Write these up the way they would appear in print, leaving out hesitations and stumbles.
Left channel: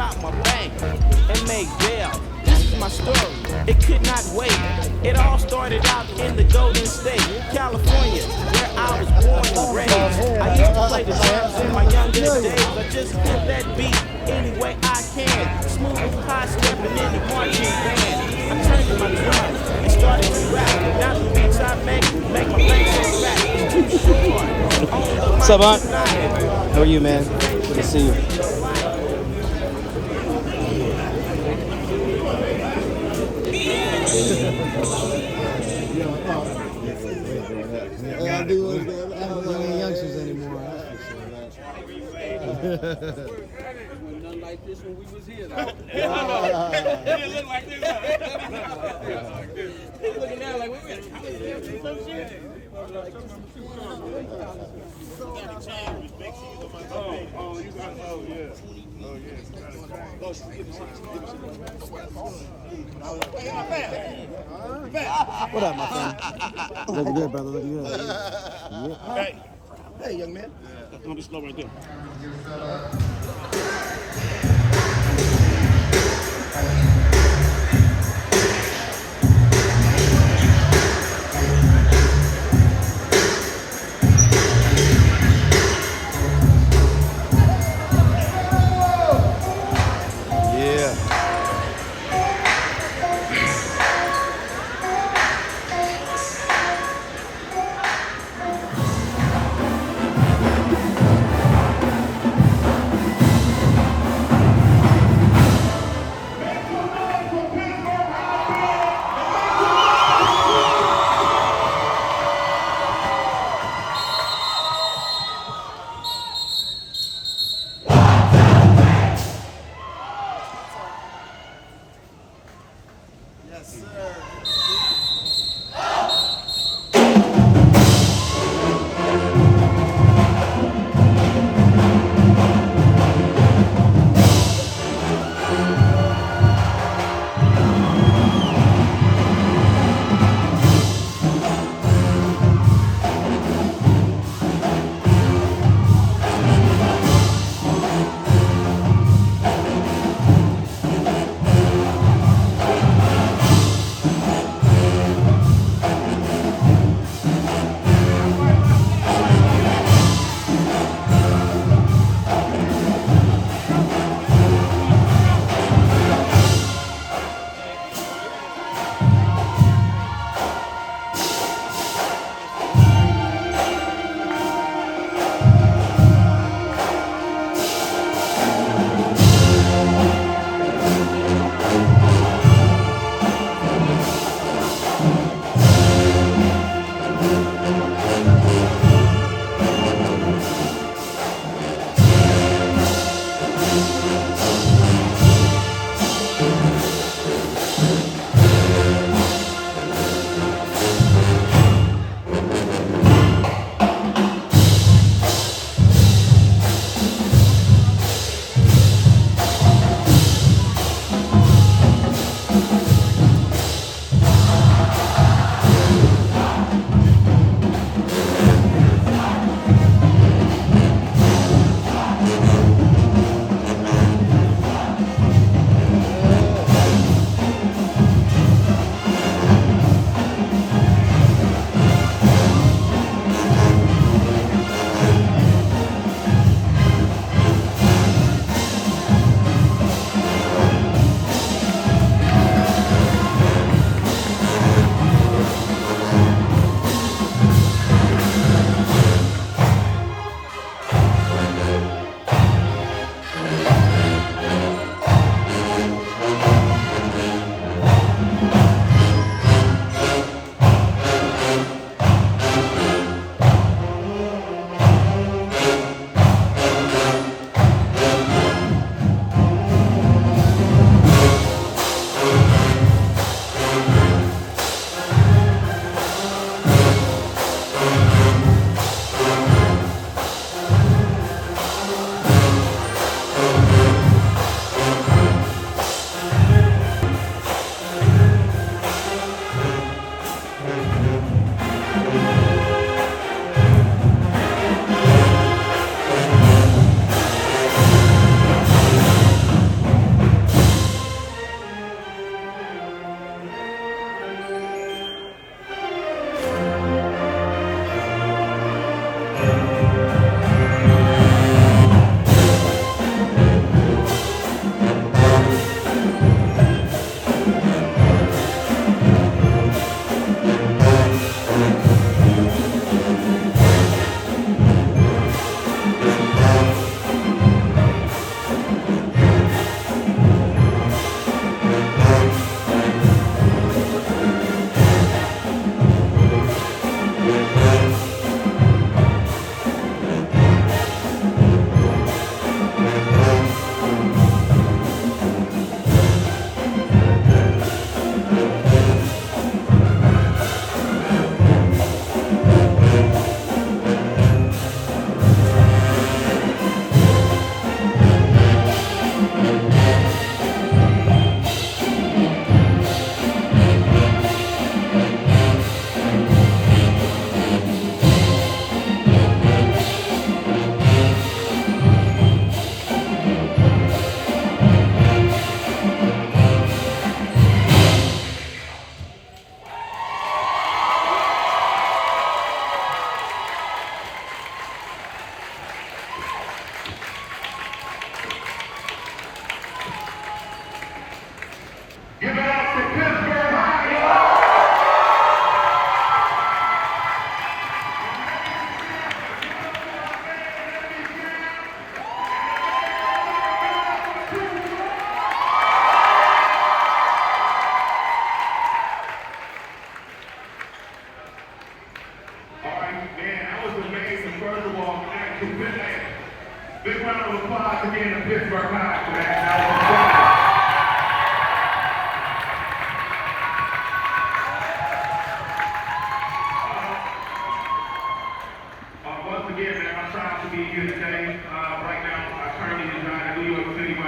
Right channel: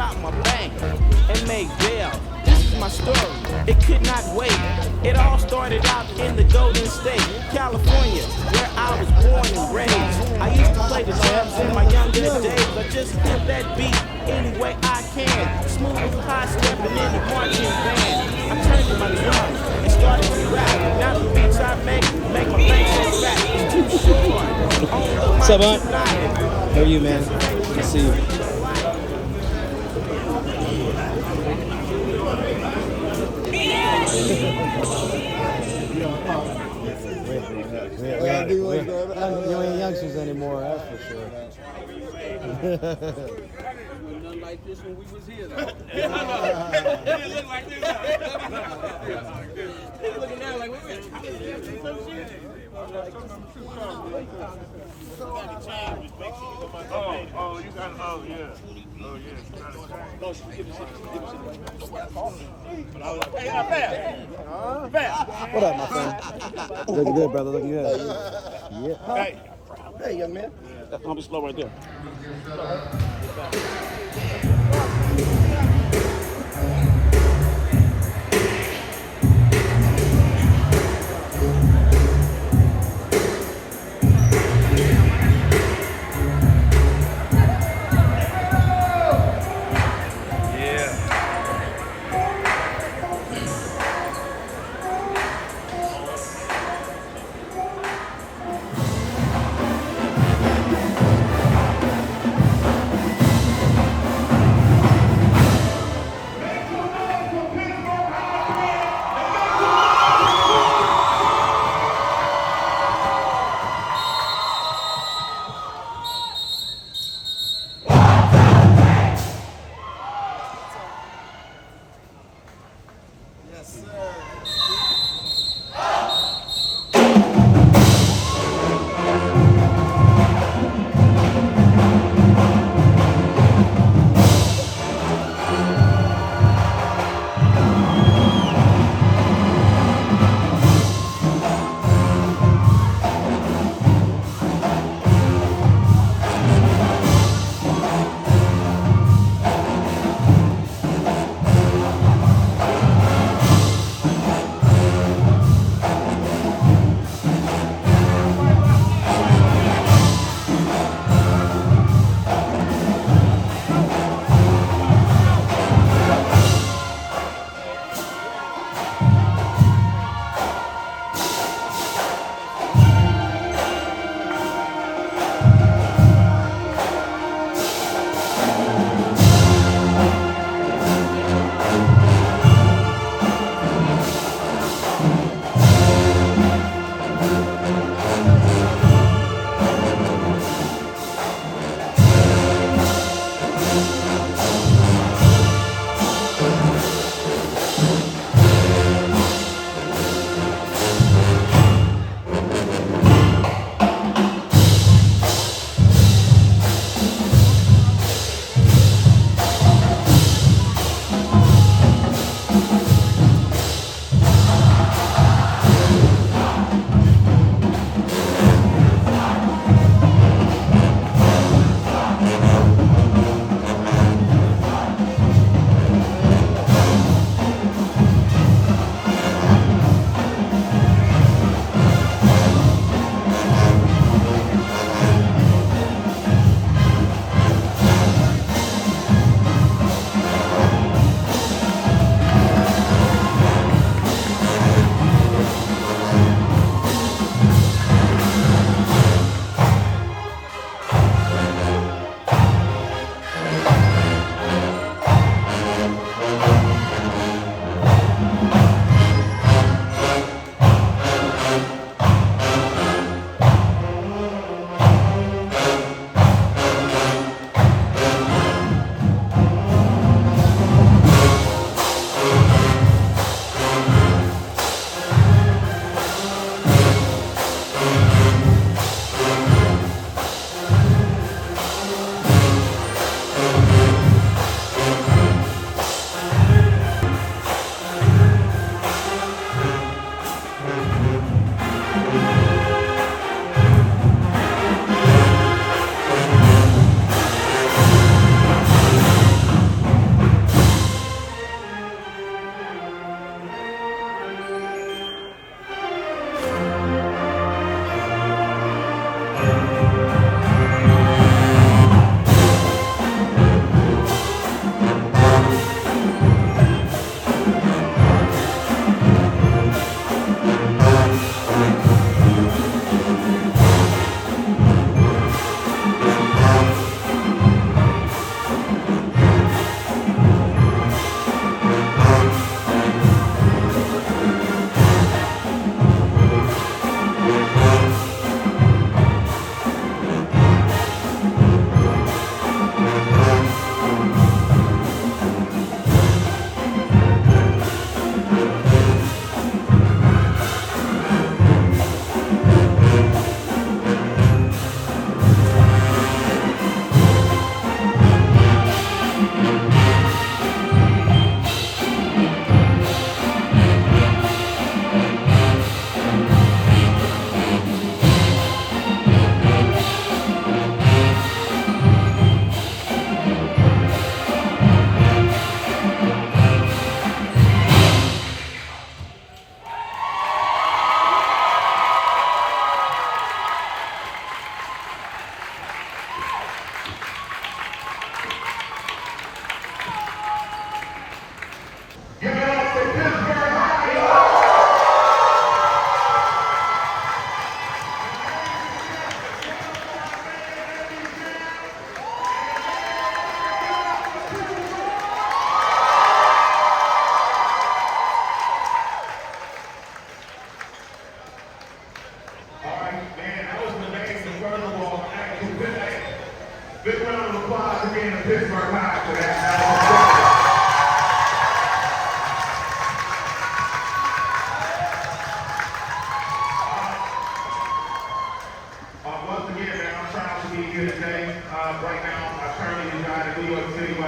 out my bank and made bail. This is my story, it could not wait. It all started out in the Golden State, California, where I was born and raised. I used to play the drums in my younger days. I just hit that beat any way I can. Smooth high stepping in the marching band. I turned to my drums and started to rap. Now the beats I make my bank so fat. It's too short. What's up, Aunt? How are you, man? Good to see you. Youngsters anymore, that's for sure. Nothing like this when we was here, though. It didn't look like this. Looking now like we were some shit. Oh, you got, oh, yeah. Oh, yeah. What up, my friend? Looking good, brother. Looking good. Yeah. Hey, young man. That's gonna be slow right there.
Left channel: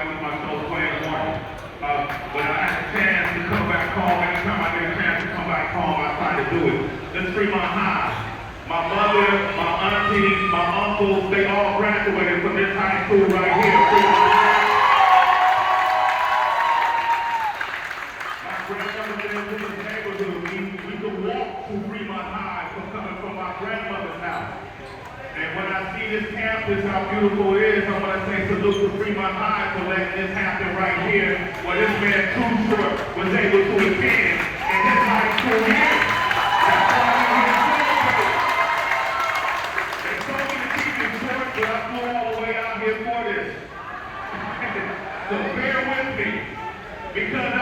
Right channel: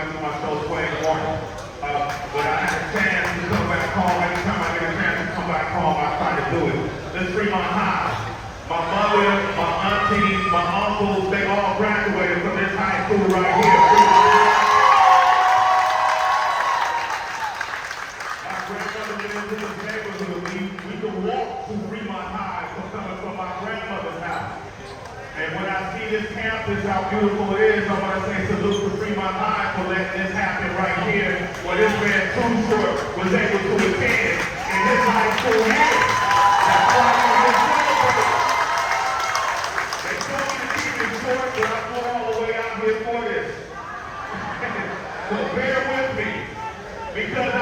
I see my show playing more. When I have a chance to come back home, anytime I get a chance to come back home, I try to do it. This Fremont High. My mother, my aunties, my uncles, they all graduated from this high school right here, Fremont High. My grandmother lived in this neighborhood. We could walk to Fremont High coming from my grandmother's house. And when I see this campus, how beautiful it is, I want to say salute to Fremont High for letting this happen right here, where this man Too Short was able to attend in his high school year. That's why we're here celebrating. They told me to keep it short, but I flew all the way out here for this. So bear with me. Because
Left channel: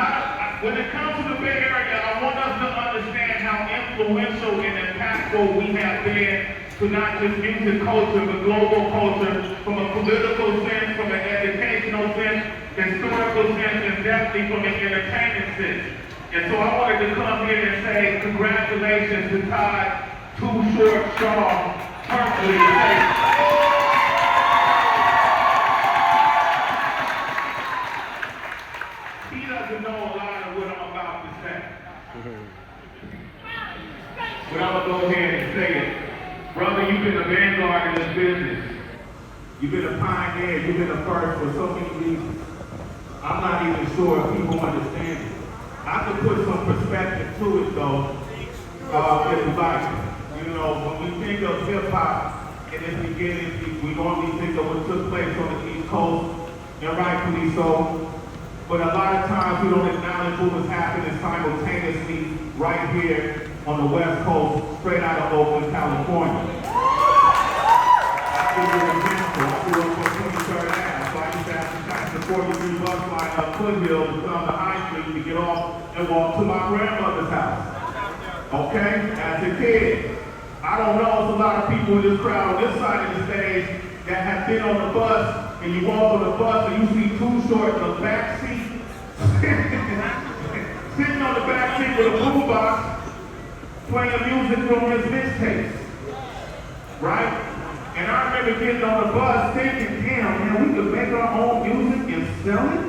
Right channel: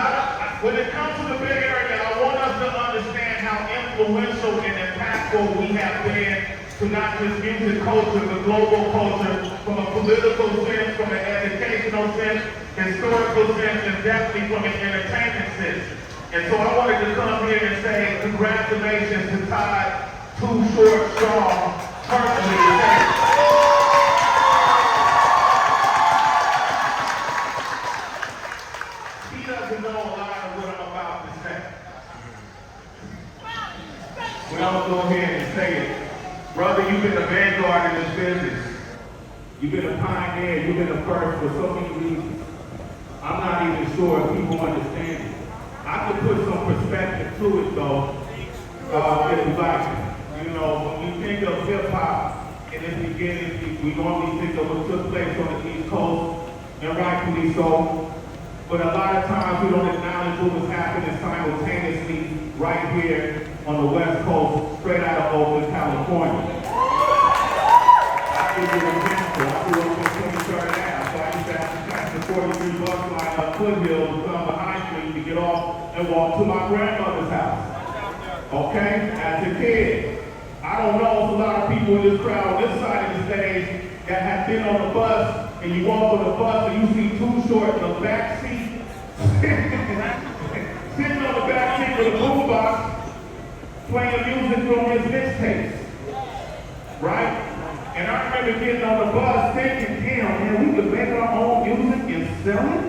when it comes to the Bay Area, I want us to understand how influential and impactful we have been to not just music culture, but global culture, from a political sense, from an educational sense, historical sense, and definitely from an entertainment sense. And so I wanted to come here and say congratulations to Todd Too Short Shaw personally. He doesn't know a lot of what I'm about to say. But I'm going to go ahead and say it. Brother, you've been a vanguard in this business. You've been a pioneer. You've been a first for so many reasons. I'm not even sure if people understand it. I can put some perspective to it, though, if you like. You know, when we think of hip-hop in its beginning, we normally think of what took place on the East Coast, and rightfully so. But a lot of times we don't acknowledge what was happening simultaneously right here on the West Coast, straight out of Oakland, California. I'll give you an example. I grew up on 23rd Ave, so I used to have to catch the 43 bus line up Foothill to come to High Street to get off and walk to my grandmother's house. Okay? As a kid. I don't know if a lot of people in this crowd on this side of the stage that have been on the bus, and you walk on the bus and you see Too Short in the back seat, sitting on the back seat with a boombox, playing music from his mixtapes, right? And I remember getting on the bus thinking, damn, man, we could make our own music and sell it?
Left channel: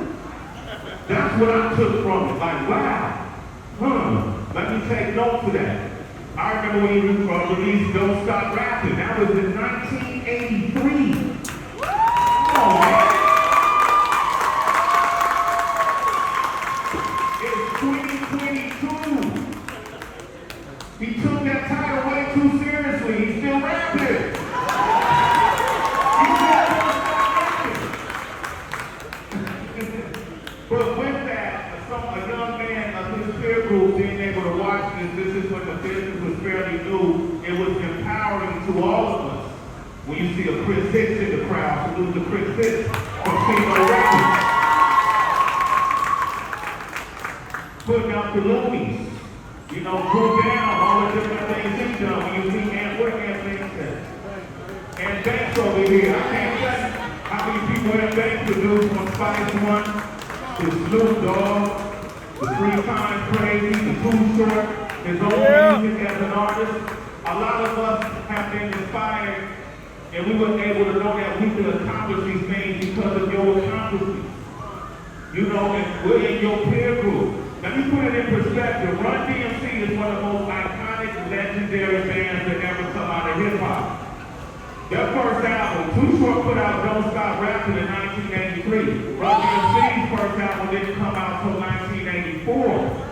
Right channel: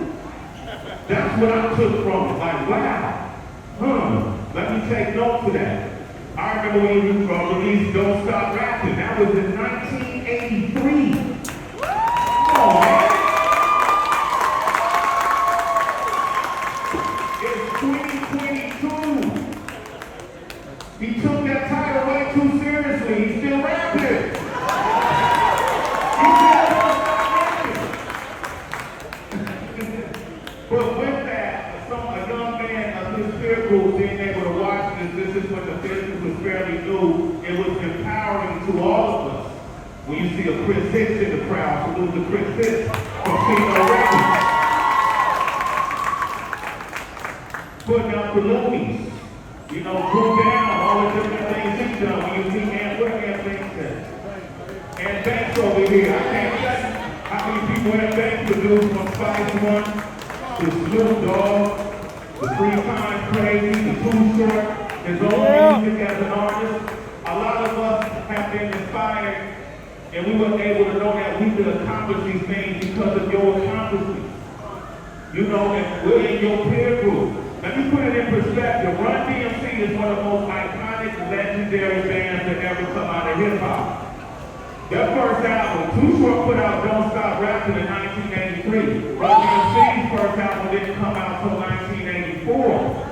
That's what I took from it, like, wow, let me take note for that. I remember when you released Don't Stop Rapping, that was in 1983. Oh, man. It's 2022. He took that title way too seriously. He's still rapping. He's still rapping. But with that, a young man of his peer group being able to watch this is when the business was fairly new. It was empowering to all of us. When you see a Chris Hicks in the crowd, salute to Chris Hicks from Kino Records. Putting out the Loonies. You know, Drew Down, all the different things he's done. When you see what Anthony said. And Banks over here, I can't tell you how many people have Banks produced from Spice One to Snoop Dogg, the 3 Times Crazy, the Too Short, his own music as an artist. A lot of us have been inspired, and we were able to know that we could accomplish these things because of your accomplishments. You know, and we're in your peer group. Let me put it in perspective. Run DMC is one of the most iconic, legendary bands that ever come out of hip-hop. Their first album, Too Short put out Don't Stop Rapping in 1983. Run DMC's first album didn't come out until 1984.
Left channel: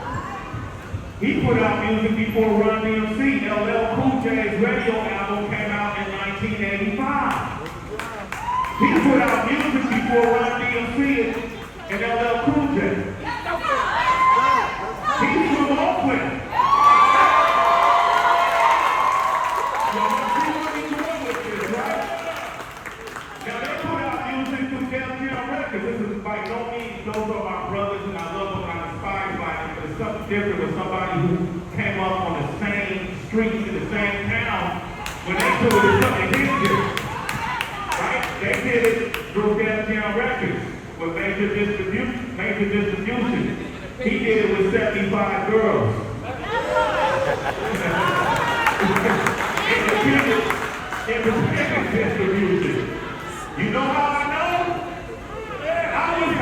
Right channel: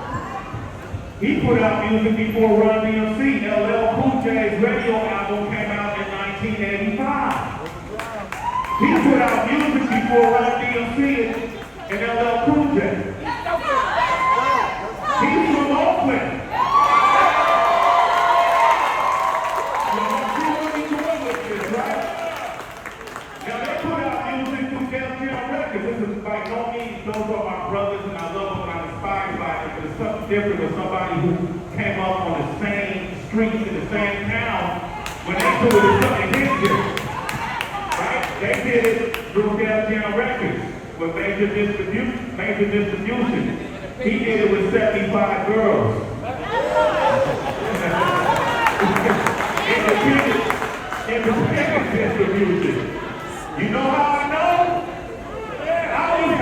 He put out music before Run DMC. LL Cool J's radio album came out in 1985. He put out music before Run DMC and LL Cool J. He's from Oakland. You know, see what he's doing with this, right? Now, they put out music through Downtown Records. This is by no means, those are my brothers, and I love them, and I'm inspired by it, but it's something different with somebody who came up on the same streets in the same town when they do it as something different. Right? They did it through Downtown Records with major distribution. He did it with 75 girls. Independent distribution. You know how I know? I was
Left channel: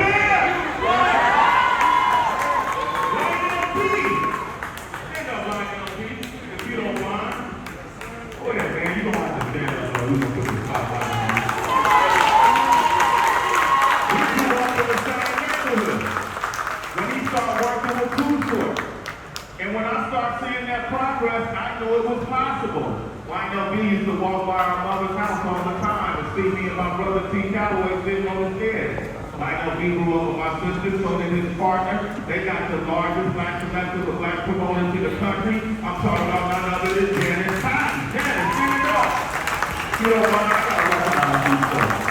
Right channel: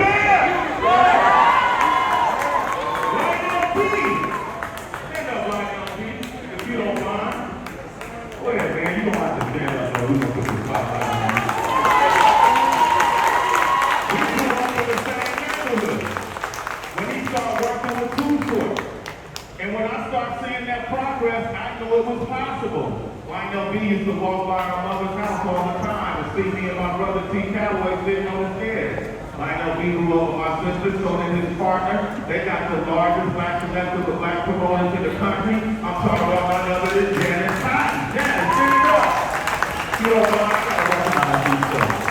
knew it was possible. YNLB used to walk by our mother's house all the time and see me and my brother T. Calloway sitting on the stairs. YNLB grew up with my sister, so did his partner. They got the largest black collective of black promoters in the country. I'm talking about none other than Janet Cotton. Janet, sing it up. You know what? I gotta recognize these folks.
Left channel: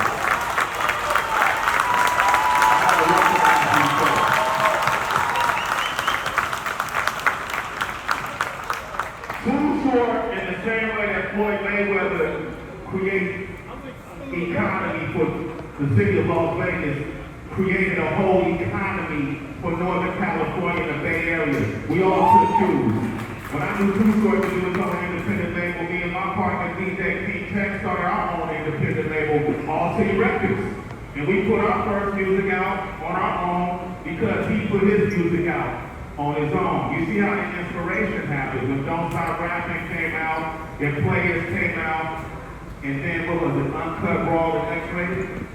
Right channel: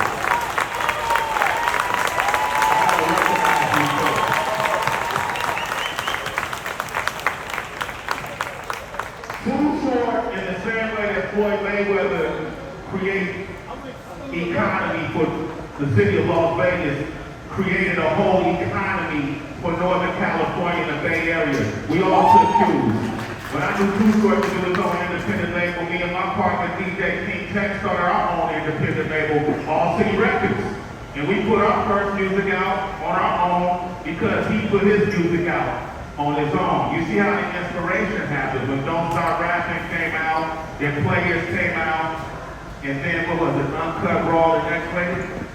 In the same way that Floyd Mayweather created economy for the city of Las Vegas, created a whole economy for Northern California and the Bay Area. We all took cues. When I knew Too Short to do his own independent label, me and my partner DJ King Tech started our own independent label, All City Records. And we put our first music out on our own because he put his music out on his own. You see how the inspiration happened. When Don't Stop Rapping came out, then Players came out, and then what was it, Uncut Raw and X-Rated?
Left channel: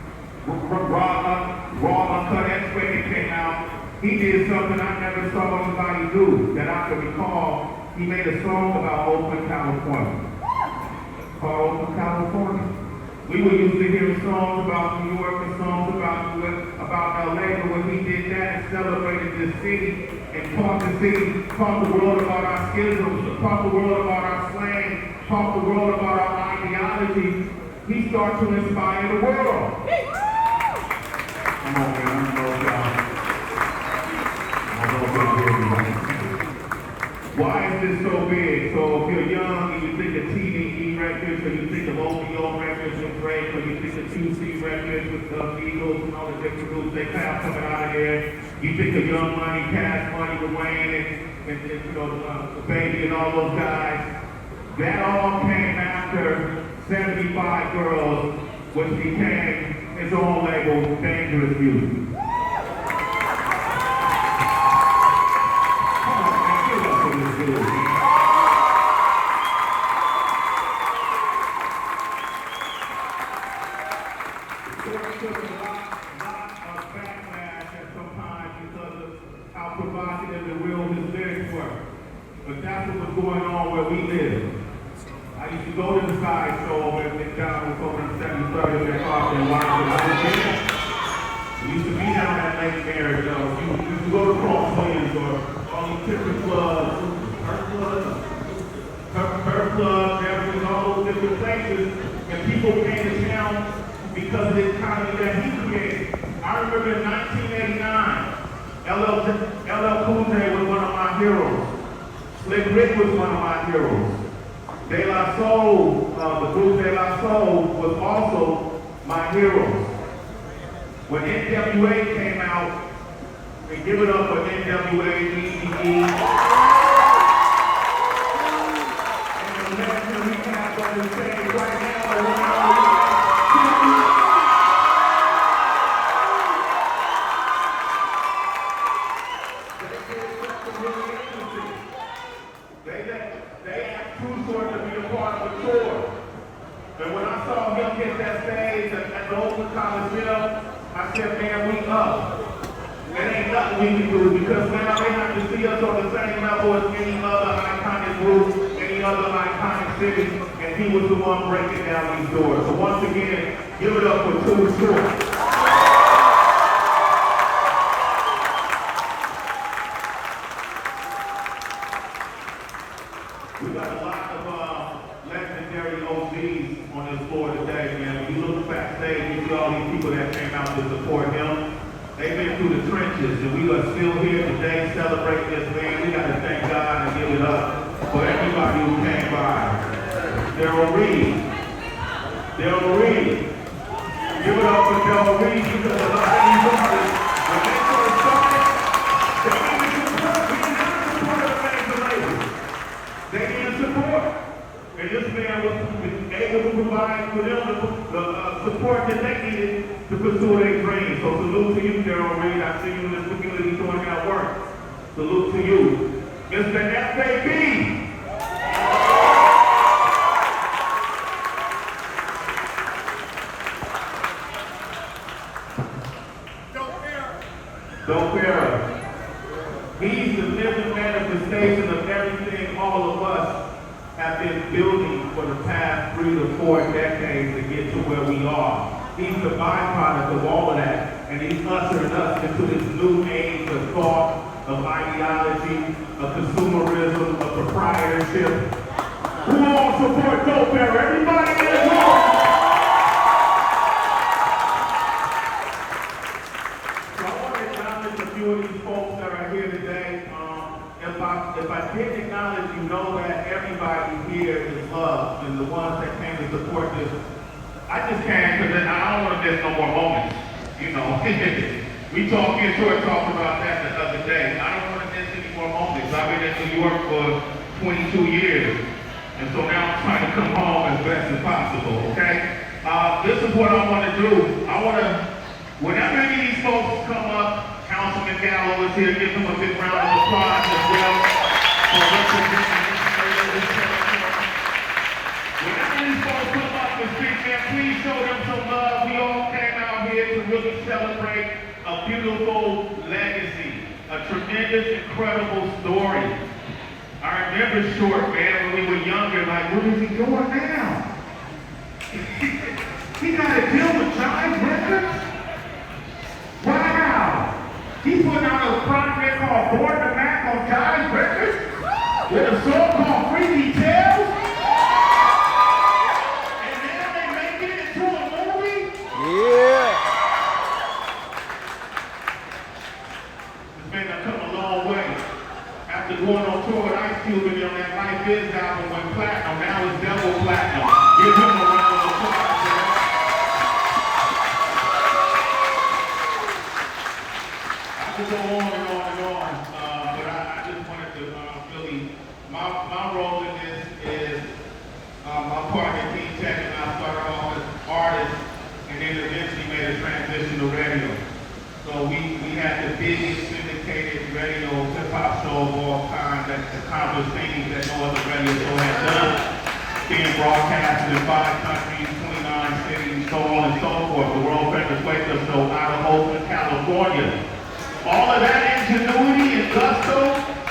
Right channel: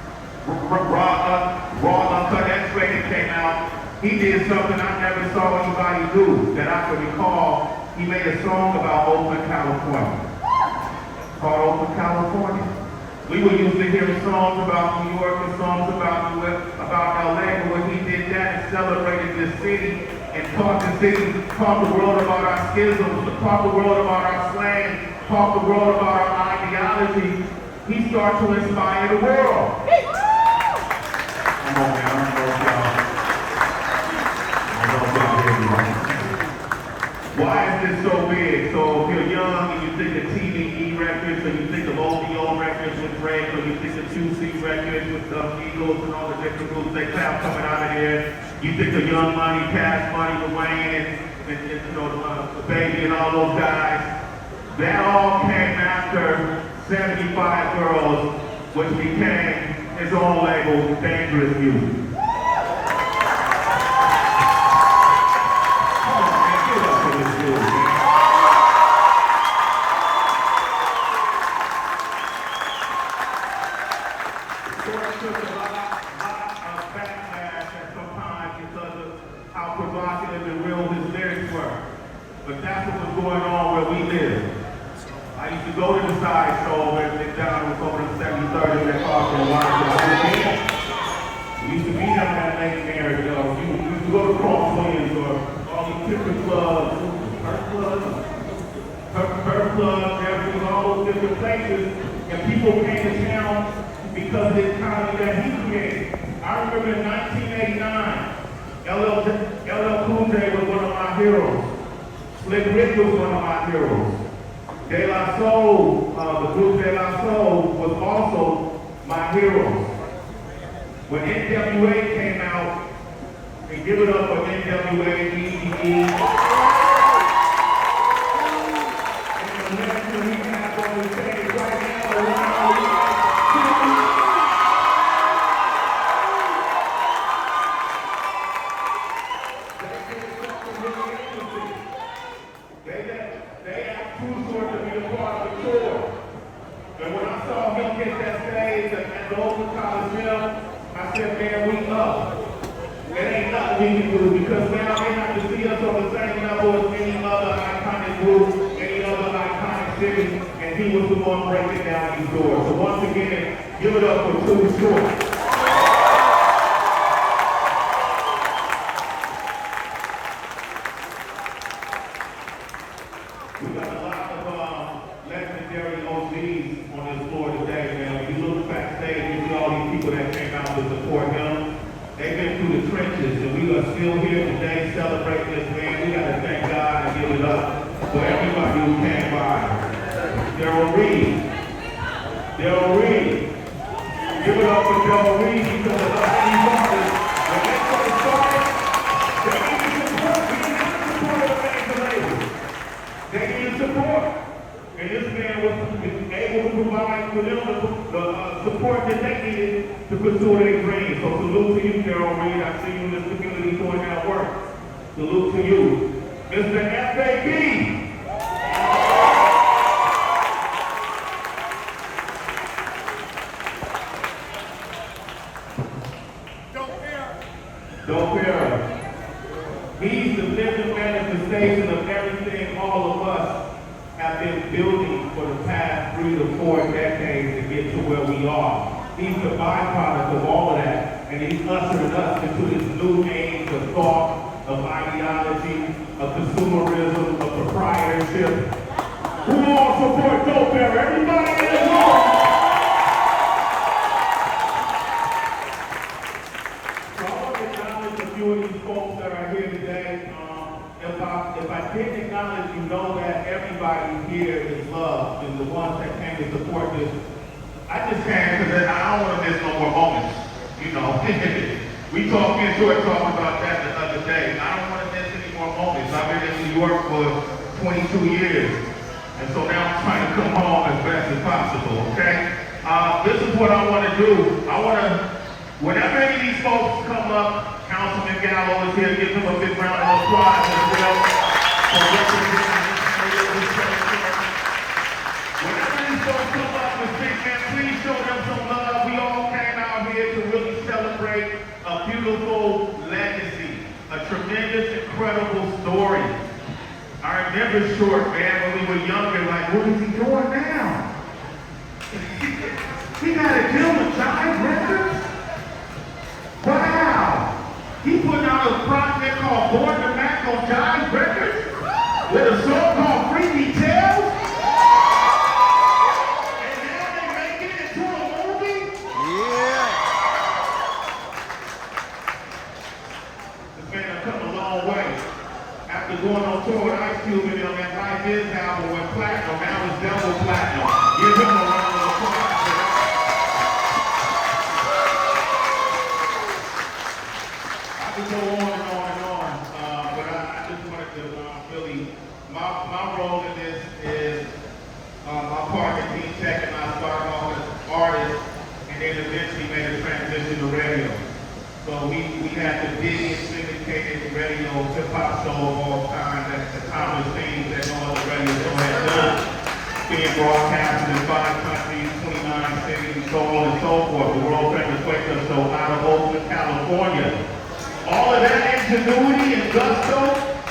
Raw Uncut X-Rated came out. He did something I never saw anybody do that I could recall. He made a song about Oakland, California. Called Oakland, California. We were used to hearing songs about New York and songs about LA, but when he did that and celebrated this city and taught the city, taught the world about our schisms, taught the world about our slang, taught the world about our ideology, he started to inspire the world. Come on, man, I don't know if y'all. Why is this so big? So if you're young and you think of TDE records, or you think of OVO records with Drake, or you think of 2C records with the Eagles and all the different groups they have coming out of there, you think of Young Money, Cash Money, with Wayne, and you know, the Baby and all those guys. That all came after 75 Girls, which became his own label, Dangerous Music. But that's what was going on where we live. I used to go to the side show at McDonald's over in 73rd and Park and Washington. We used to be down that Lake Mary, you know. You used to go to Cross Williams or all these different clubs, her clubs, everything, all those different places, and people came to town because of the economy that he created. I remember in 1989, LL Cool J was one of my heroes. Slick Rick was one of my heroes. De La Soul, the group De La Soul was also my hero. When NWA came out, and give it up for NWA, EDE. And the next thing we have on the stage right now, They asked Too Short to be a part of the tour. And when I saw him hit that stage at the Oakland Coliseum, I said, man, we up. There ain't nothing we can do because now they have to see us on the same level as any other iconic group, any other iconic city, and he was the one breaking down these doors. So once again, give it up for Too Short. We got a lot of legendary OGs on this floor today, man. When you look backstage, you see all these people that came out to support him. They've been through the trenches, and we are still here today celebrating this man. We got to thank God and give it up for everybody who came by. Daryl Reed. Give it up for Daryl Reed because a lot of these artists, when they first started, they didn't support the major labels. They needed support. And this man was able to provide for them the support that they needed to pursue their dreams. So salute to you, Daryl Reed. I see you in this community doing that work. Salute to you. Mr. FAB. Don't fear us. He's the living manifestation of everything all of us been building for the past 3 to 4 decades to get to where we are. He's the byproduct of all of that, and he's ushered us into this new age of thought, of ideology, of consumerism, of proprietorship. Who all support dope bearer? Everybody in the room! So I want to acknowledge a few of these folks that are here today. If I didn't acknowledge, you know that everybody here is loved, and the ones that came to support this. I just came because I don't want to miss no more moments. You know, we talked about that the other day. I don't want to miss any more moments. I've been in New York for 22 years, and so now I'm trying to come home as best as possible. Okay? This is what I want to do. I want to, whenever any of these folks come up. Councilman Gallo is here. Give him a big round of applause as well for representing this area. Whenever these folks come up with King Man, please show them some love. We all came out here to really celebrate a beautiful legacy, a tremendous, incredible story. I remember Short, man, when we were younger, like, what is he doing now? He got a deal with Giant Records? Wow! He put out a project called Born to Mac on Jive Records with a song called Freaky Tales. And now they make it into a movie? Yeah. This man has come a long way. After going on tour with Ice Cube and on that Life Is album went platinum, now it's double platinum. Give him a round of applause. I could go on and on and on, but I just wanted to really, my role in this is, my partner T Tech and I started off as artists, and then eventually made a transition to radio. So we had the biggest syndicated radio hip-hop show of all time that's accomplished things that no other radio show has done. Being broadcasted in 5 countries, 29 cities, so on and so forth. The world famous Wake-Up Show out of Oakland, California. All of that ingenuity and gusto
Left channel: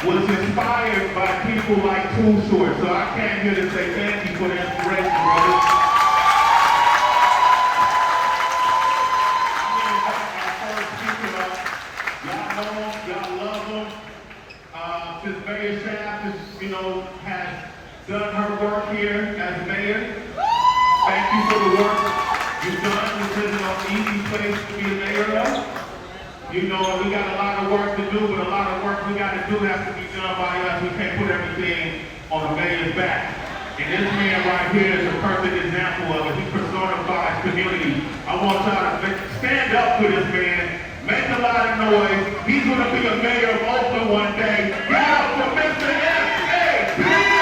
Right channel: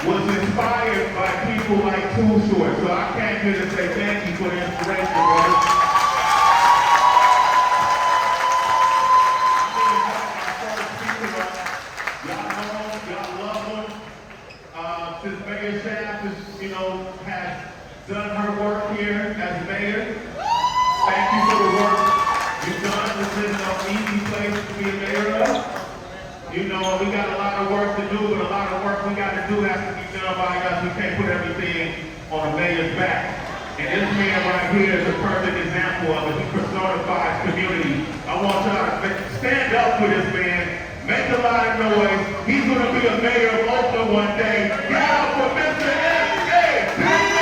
was inspired by people like Too Short. So I came here to say thank you for the inspiration, brother. Y'all know him, y'all love him. Since Mayor Shaft has done her work here as mayor, thank you for the work you've done. This isn't an easy place to be a mayor of. You know, we got a lot of work to do, but a lot of work we got to do has to be done by us. We can't put everything on the mayor's back. And this man right here is a perfect example of it. He personifies community. I want y'all to stand up for this man. Make a lot of noise. He's going to be a mayor of Oakland one day. Get out for Mr. S.A. Please!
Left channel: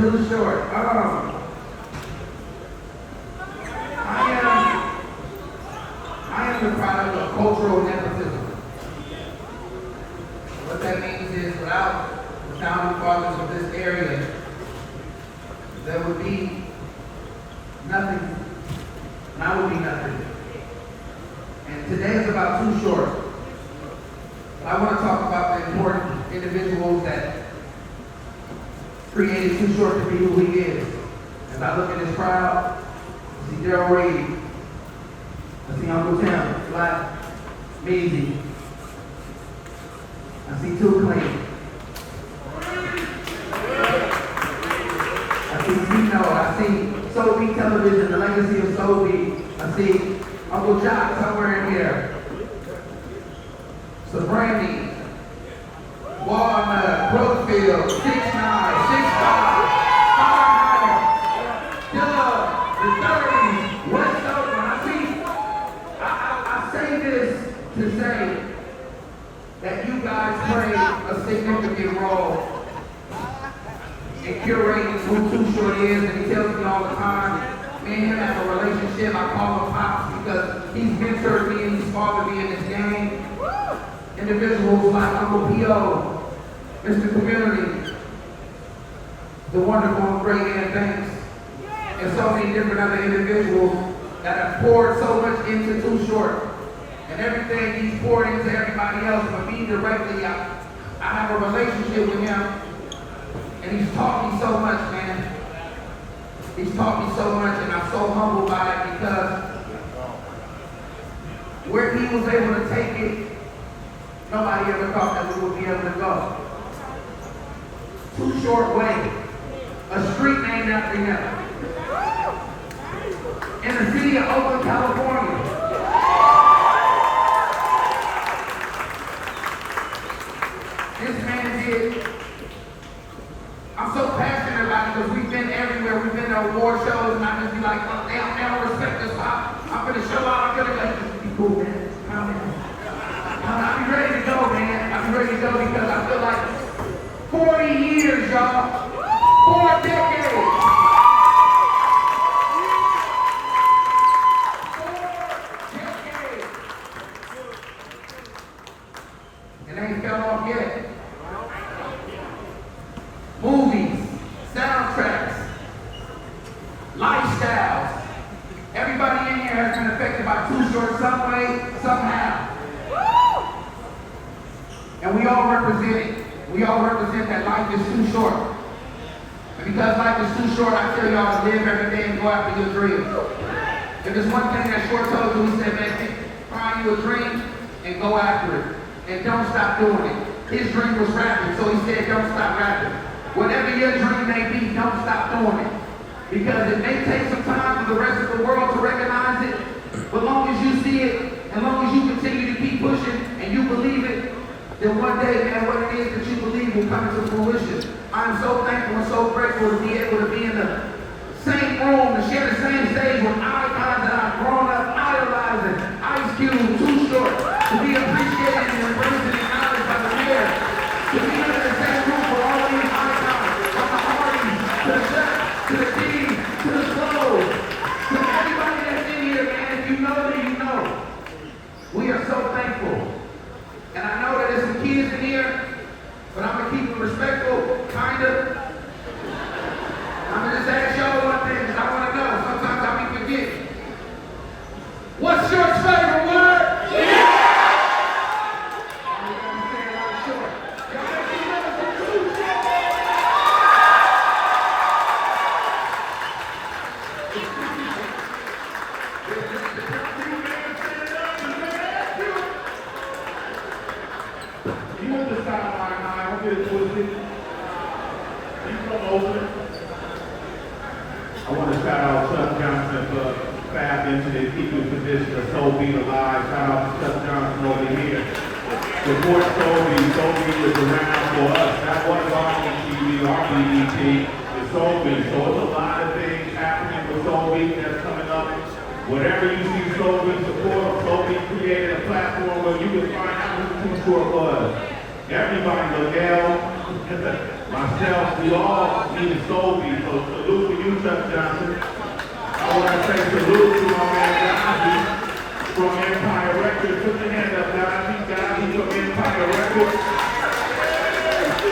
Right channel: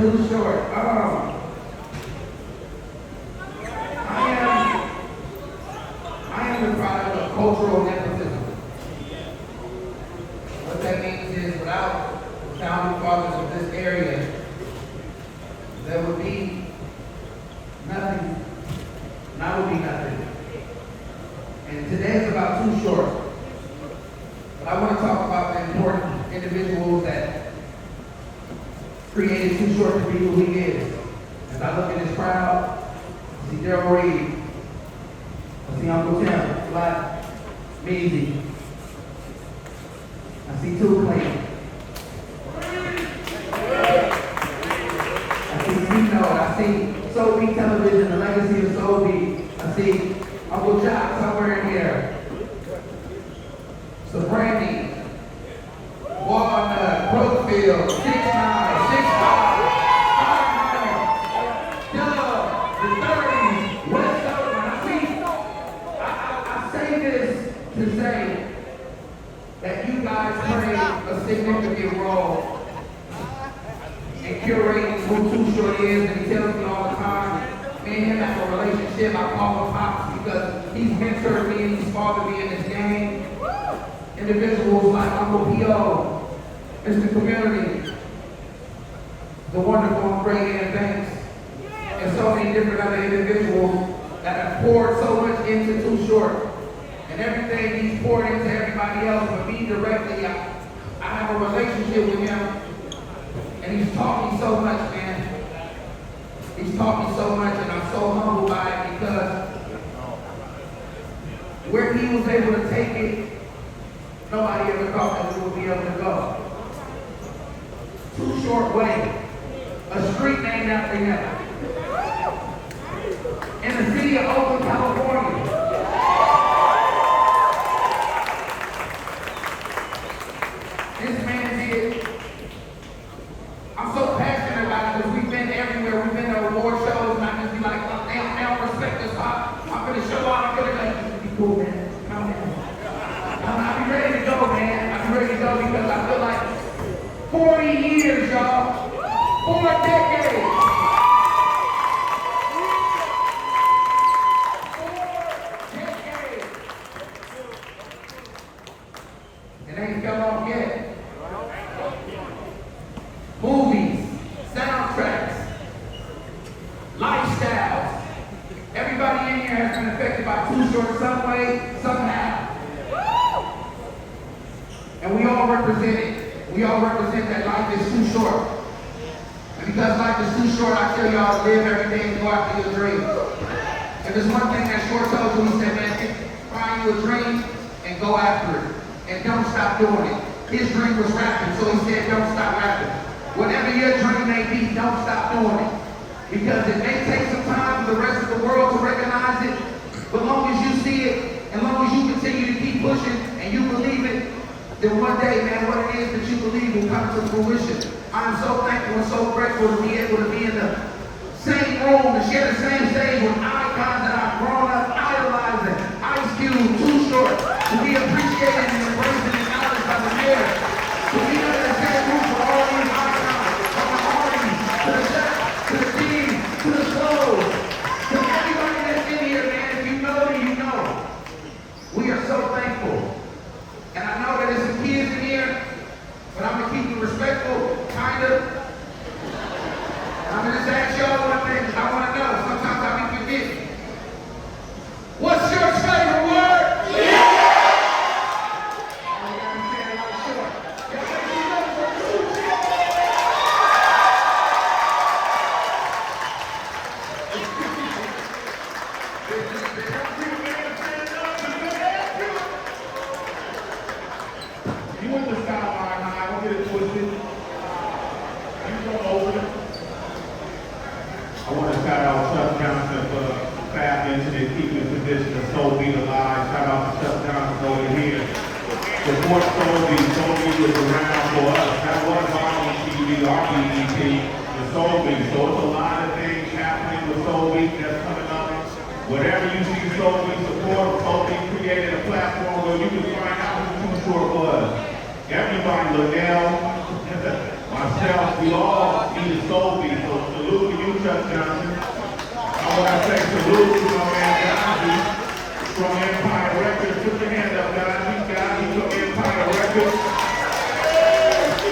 Too short. I am the product of cultural nepotism. What that means is without the founding fathers of this area, there would be nothing. And I would be nothing. And today is about Too Short. But I want to talk about the important individuals that created Too Short to be who he is. As I look at this crowd, I see Daryl Reed, I see Uncle Tim, Black, Measy, I see Too Clean, I see Tino, I see Soul Beat Television, the legacy of Soul Beat, I see Uncle Jock somewhere in here, so Brandy, Walnut, Brookfield, 6'9", 6'5", Dilla, the 30s, West Oakland. I say this to say that you guys played a significant role in curating who Too Short is, and he tells me all the time, me and him have a relationship. I call him Pops because he's mentored me and he's fathered me in this game. Individuals like Uncle P.O., Mr. Community, the wonderful and great Ann Banks, and so many different other individuals that have poured so much into Too Short. And everything he's poured into everybody else, but me directly, I have a relationship with him. And he's taught me so much, man. He's taught me so much, and I'm so humbled by it because where he was able to take it, nobody ever thought that we would be able to go. Too Short Way, a street named after him. In the city of Oakland, California. This man did. I'm so passionate about it because we've been everywhere. We've been to award shows, and I just be like, oh, they don't respect us. I'm gonna show out. I'm gonna like, this be cool, man. Come in. I'll be ready to go, man. I'll be ready to go because I feel like 40 years, y'all. 4 decades. 4 decades. And they ain't fell off yet. Movies, soundtracks, lifestyles. Everybody in here has been affected by Too Short some way, somehow. And we all represent it. We all represent that life is too short. And because life is too short, I tell y'all to live every day and go after your dream. And there's one thing that Short told me, he said, man, find you a dream and go after it. And don't stop doing it. His dream was rapping, so he said, don't stop rapping. Whatever your dream may be, don't stop doing it. Because it may take some time for the rest of the world to recognize it, but long as you see it, and long as you continue to keep pushing and you believe it, then one day, man, what it is that you believe will come to fruition. I'm so thankful and so grateful to be able to be in the same room, to share the same stage with icons that I've grown up idolizing. Ice Cube, Too Short, to be appreciated and embraced and acknowledged by the mayor. To be under the same roof for all these icons, from the Hardy, to the Shaq, to the team, to the clothes, to everybody that's in here, man. If you know me, you know. We are so thankful. And I know that there's some kids in here, but I'm going to keep it respectful, kind of. I'm going to just ask y'all one thing, because I want to know. Sometimes I be forgetting. What's your favorite word? Yeah! You went to Skyline High, don't get it twisted. You from Oakland. I want to shout out Chuck Johnson for Fab Incident, keeping position of Soul Beat alive. Shout out to Chuck Johnson over here. Support Soul Beat. Soul Beat is around for us. That was our TV, our BET, the Soul Beat. So it's a lot of things happening with Soul Beat that's coming up. Whatever you see Soul Beat support, Soul Beat created a platform where you can find out who Too Short was. Everybody, Liddell, myself, we all need a Soul Beat. So salute to you, Chuck Johnson. I want to say salute to my man Gazi from Empire Records. Put your hand up, Gazi. Gazi from Empire Records.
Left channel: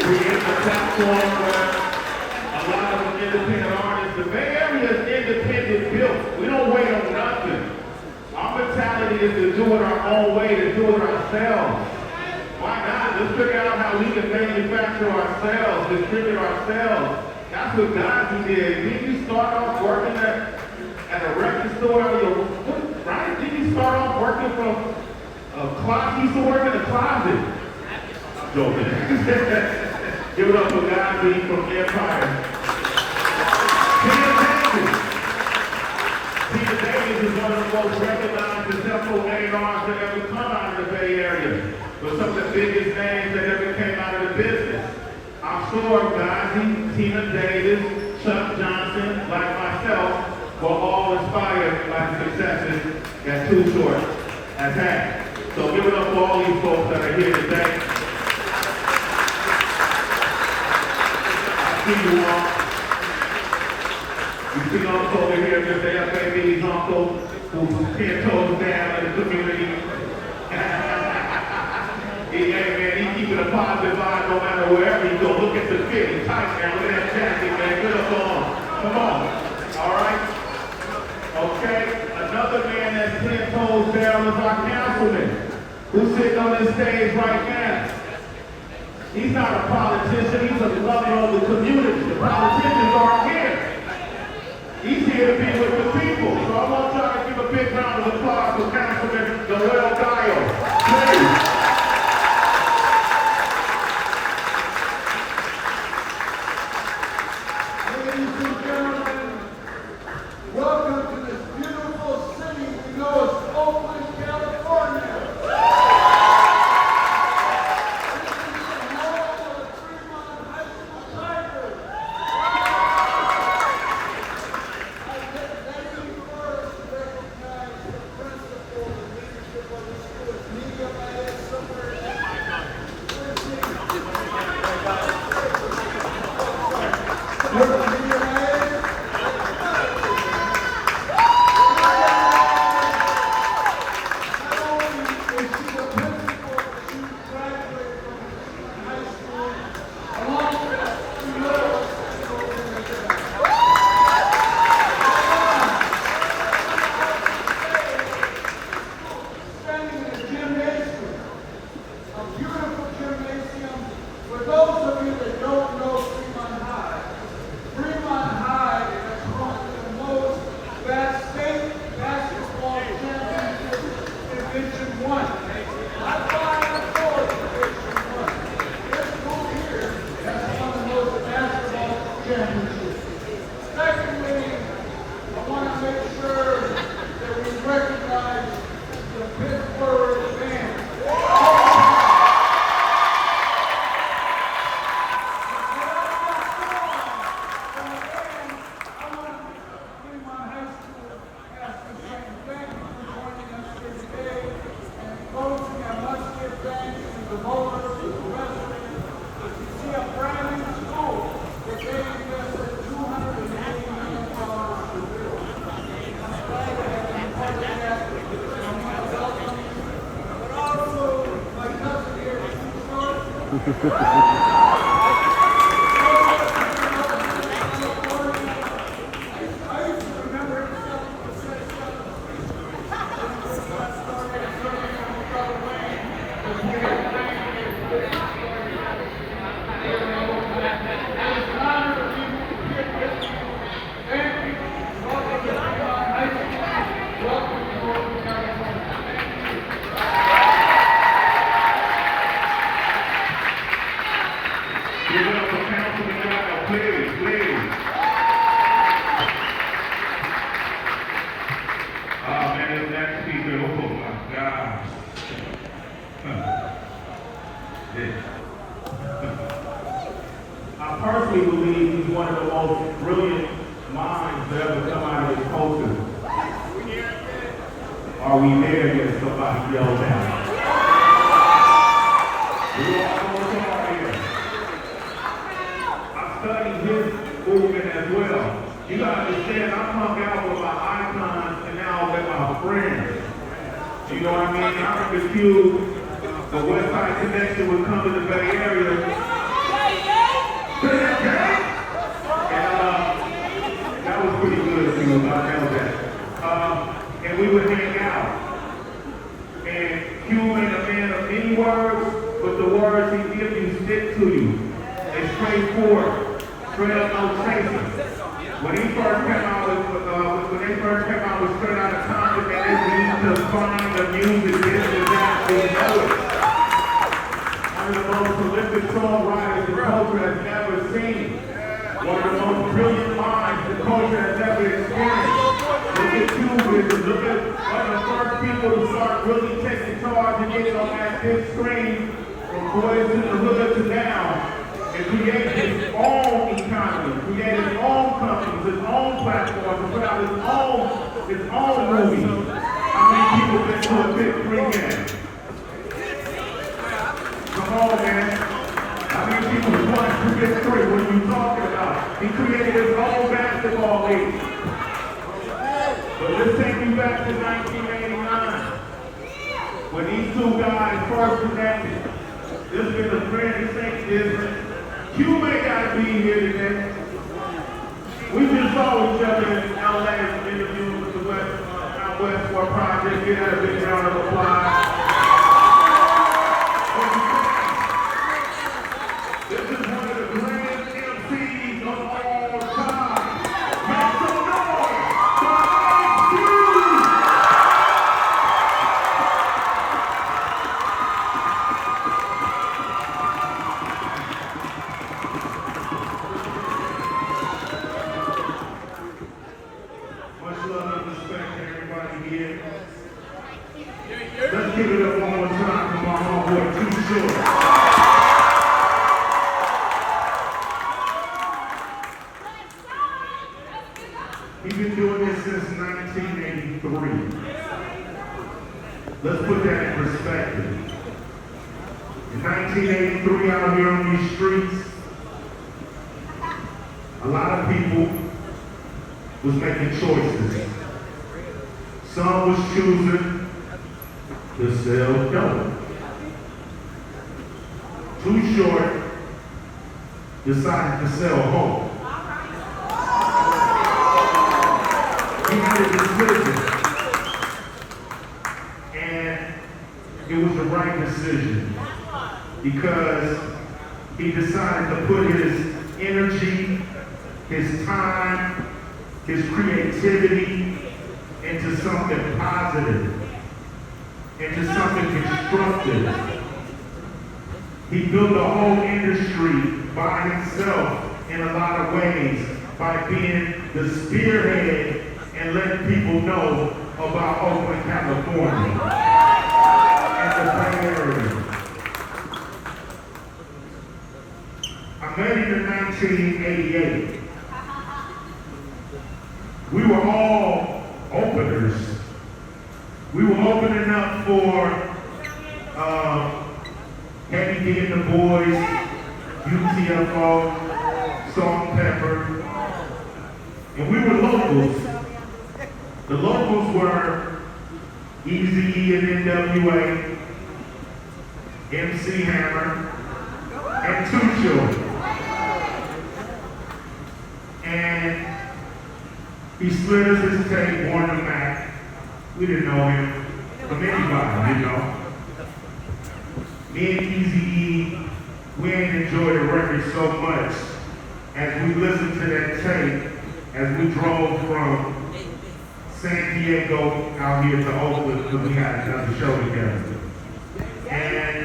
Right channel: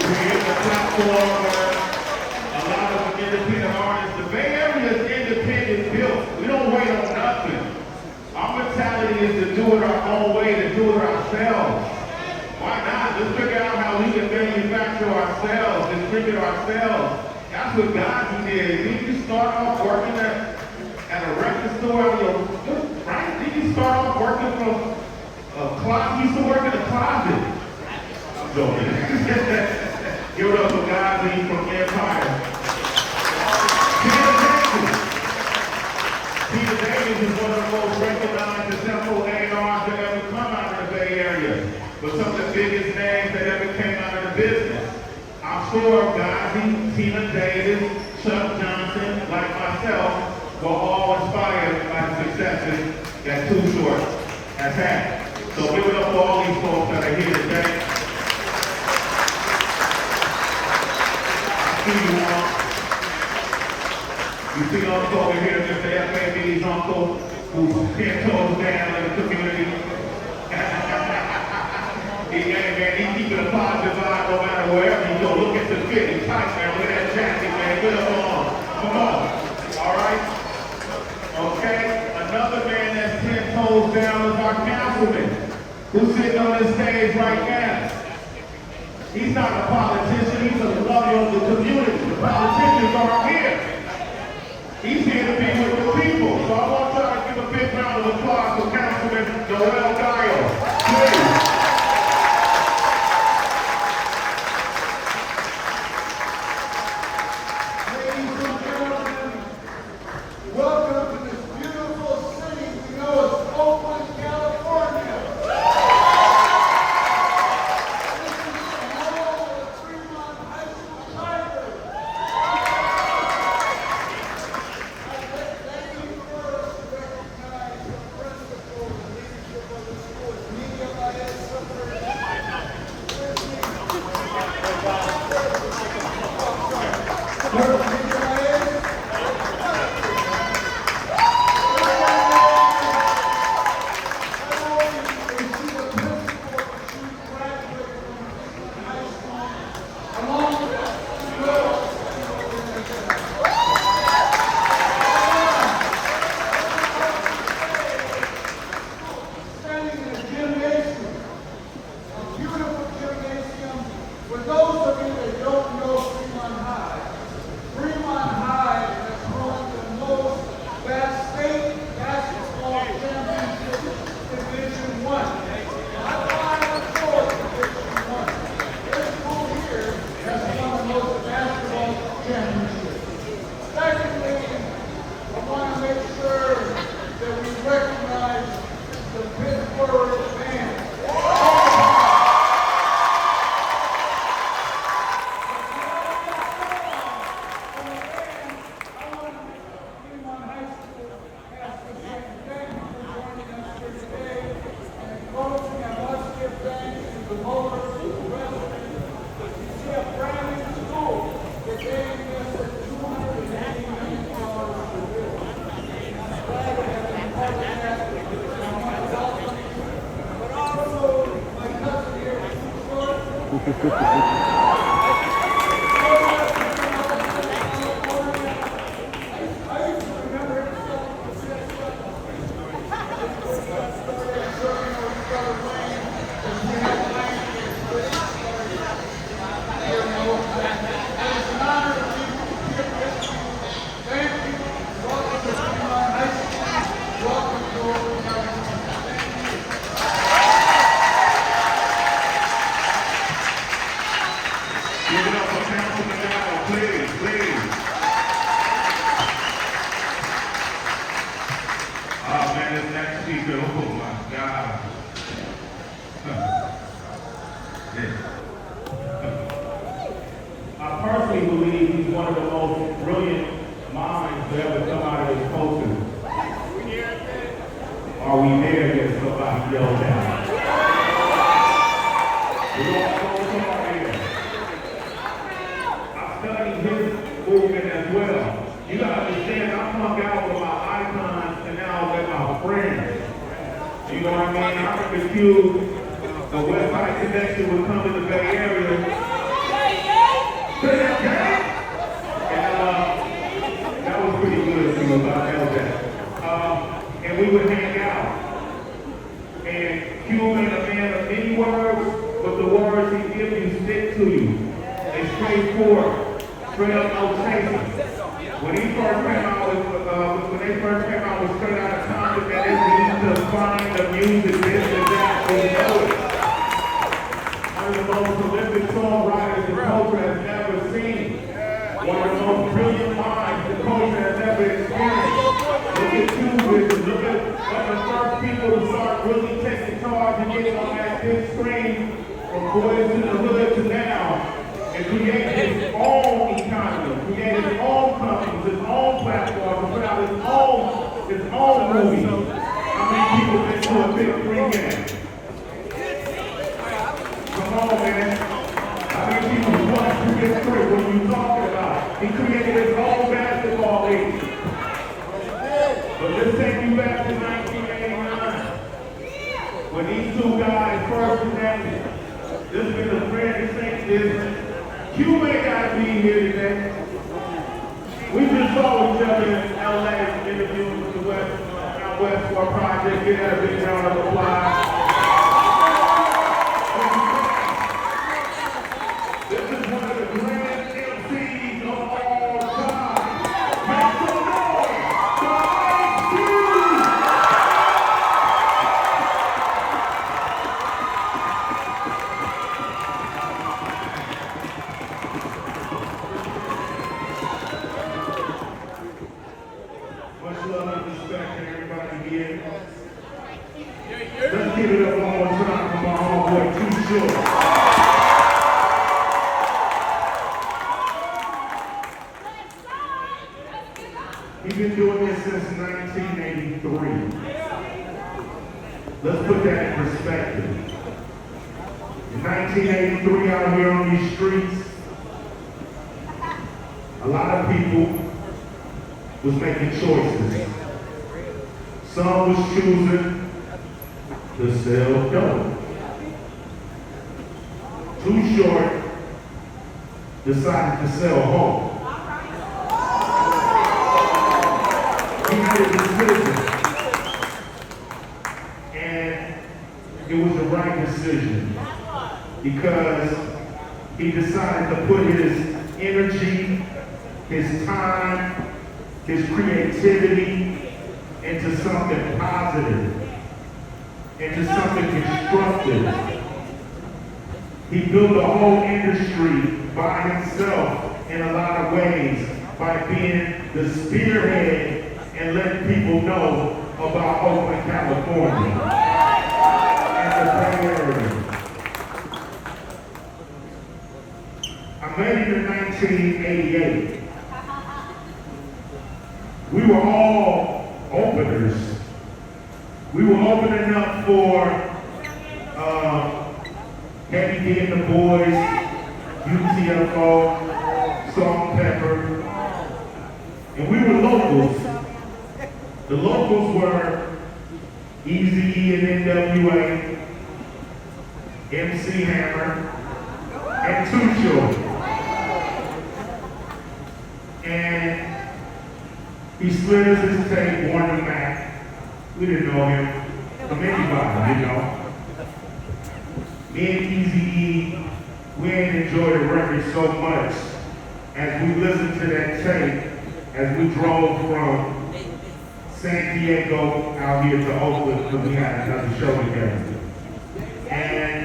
We're in the platform where a lot of the independent artists, the Bay Area is independent built. We don't wait on nothing. Our mentality is to do it our own way, to do it ourselves. My God, let's figure out how we can manufacture ourselves, distribute ourselves. That's what God did. Didn't you start off working at a record store? Right? Didn't you start off working from a closet? You used to work in a closet. I'm joking. Give it up for God from Empire. Peter Davis is one of the most recognized and successful A&Rs that ever come out of the Bay Area. But some of the biggest names that ever came out of the business. I'm sure Gazi, Tina Davis, Chuck Johnson, like myself, were all inspired by the successes that Too Short has had. So give it up for all these folks that are here today. I see you all. You see Uncle over here, Mr. F.A. Billy's uncle, who's 10 toes down in the community. He Yeah, man, he keeping a positive vibe no matter wherever you go. Look at the fit, he's tight, man. Look at that jacket, man. Good up on. Come on. All right? Okay, another man that's 10 toes down is our councilman, who's sitting on this stage right now. He's not a politician, he's a lover of the community. The politicians aren't here. He's here to be with the people. So I want y'all to give a big round of applause for Councilman Noel Giles. Please. Welcome to this beautiful city we know as Oakland, California. This is the home of the Fremont High School Tigers. Thank you first to recognize the principal and leadership of the school. Media, I had somewhere Secondly, I want to make sure that we recognize the Pittsburgh band. Fremont High School has to say thank you for joining us here today. And closing, I must give thanks to the voters, to the residents. You see a brand new school that they invested $280 million to build. I'm glad to have been part of that. And I want to welcome you. But also, my cousin here, I used to remember him selling cassettes. I started serving on the other lane because we had land in this business started here in Oakland. And it's an honor to be with you. Thank you. Welcome to Fremont High School. Welcome to Oakland, California. Give it up for Councilman Giles, please, please. Oh man, this next speaker, oh my God. I personally believe he's one of the most brilliant minds to ever come out of this culture. Are we there yet? Somebody yelled out. We're all going somewhere here. I studied his movement as well. You gotta understand, I hung out with my icons and now with my friends. You know what I mean? I remember Q, the West Side Connection would come to the Bay Area. And that was pretty good to me, I know that. And we would hang out. And Q ain't a man of many words, but the words he gives you stick to you. It's straightforward, straight up no chasing. When he first came out with, when they first came out with Straight Outta Compton, and they used to find the music, this and that, we know it. One of the most prolific songwriters the culture has never seen. One of the most brilliant minds the culture has ever experienced. Look at you, look at one of the first people to start really taking charge and getting on that big screen from Boys in the Hood to now. And created his own economy, created his own companies, his own platforms, put out his own movie. How many people been to a big screen game? Come on, man. How many people want to big screen? What are you talking about? He created his own basketball league. But let's take you back to 1989. When these two guys first connected, This has been a friend Saints business. You ain't got to be here today. We just saw each other in LA interview with the West War Project. Give that a big round of applause. This is one of the grand MCs of all time. Make some noise for IQ! Much love and respect to everybody here. Let's give it up one more time for my homeboy Too Short. He's been doing this since 1983. Let's put that in perspective. In 1983, out here on these streets, a lot of people was making choices. Some was choosing to sell dope. Too Short decided to sell home. He made a decision, and it was the right decision because he decided to put his energy, his time, his creativity into something positive, into something constructive. He built a whole industry by himself in a lot of ways by being the spearhead and letting people know about Oakland, California and the Bay Area. I met him in 1988. We were all openers. We were opening up for Heavy D and the Boys, UTFO, Salt and Pepper, and we were locals. The locals were Eazy-E and NWA, MC Hammer, and Too Short. And he slid us his tape, Warner Mac. We didn't know him from anybody, you know. Me and Eazy-E, we ain't enjoyed the record so much as we listened to that tape as we drove from San Diego out here to Oakland because we had another show together. And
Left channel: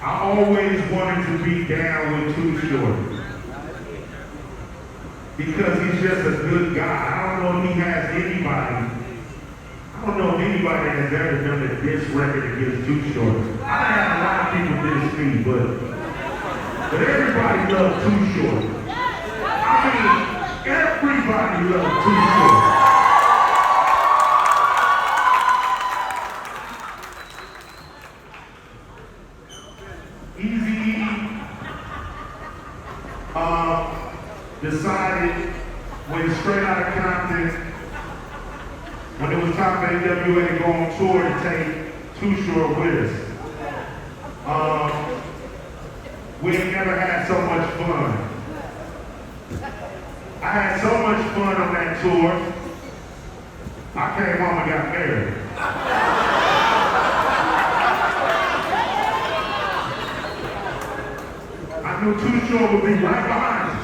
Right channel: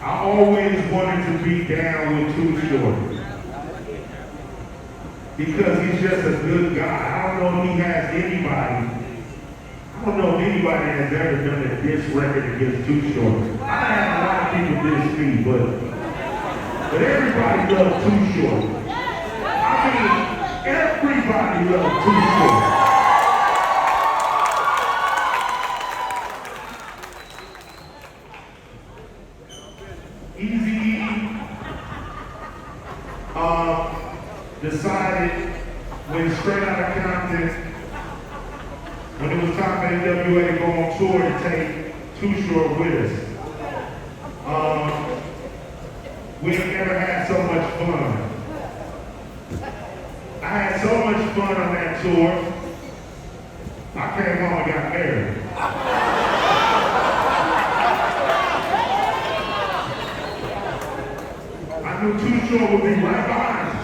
I always wanted to be down with Too Short because he's just a good guy. I don't know if he has anybody. I don't know if anybody has ever done a diss record against Too Short. I had a lot of people diss me, but everybody loves Too Short. I mean, everybody loves Too Short. Eazy-E decided when straight out of Compton, when it was time for NWA to go on tour to take Too Short with us. We ain't never had so much fun. I had so much fun on that tour, I came home and got married. I knew Too Short would be right behind me.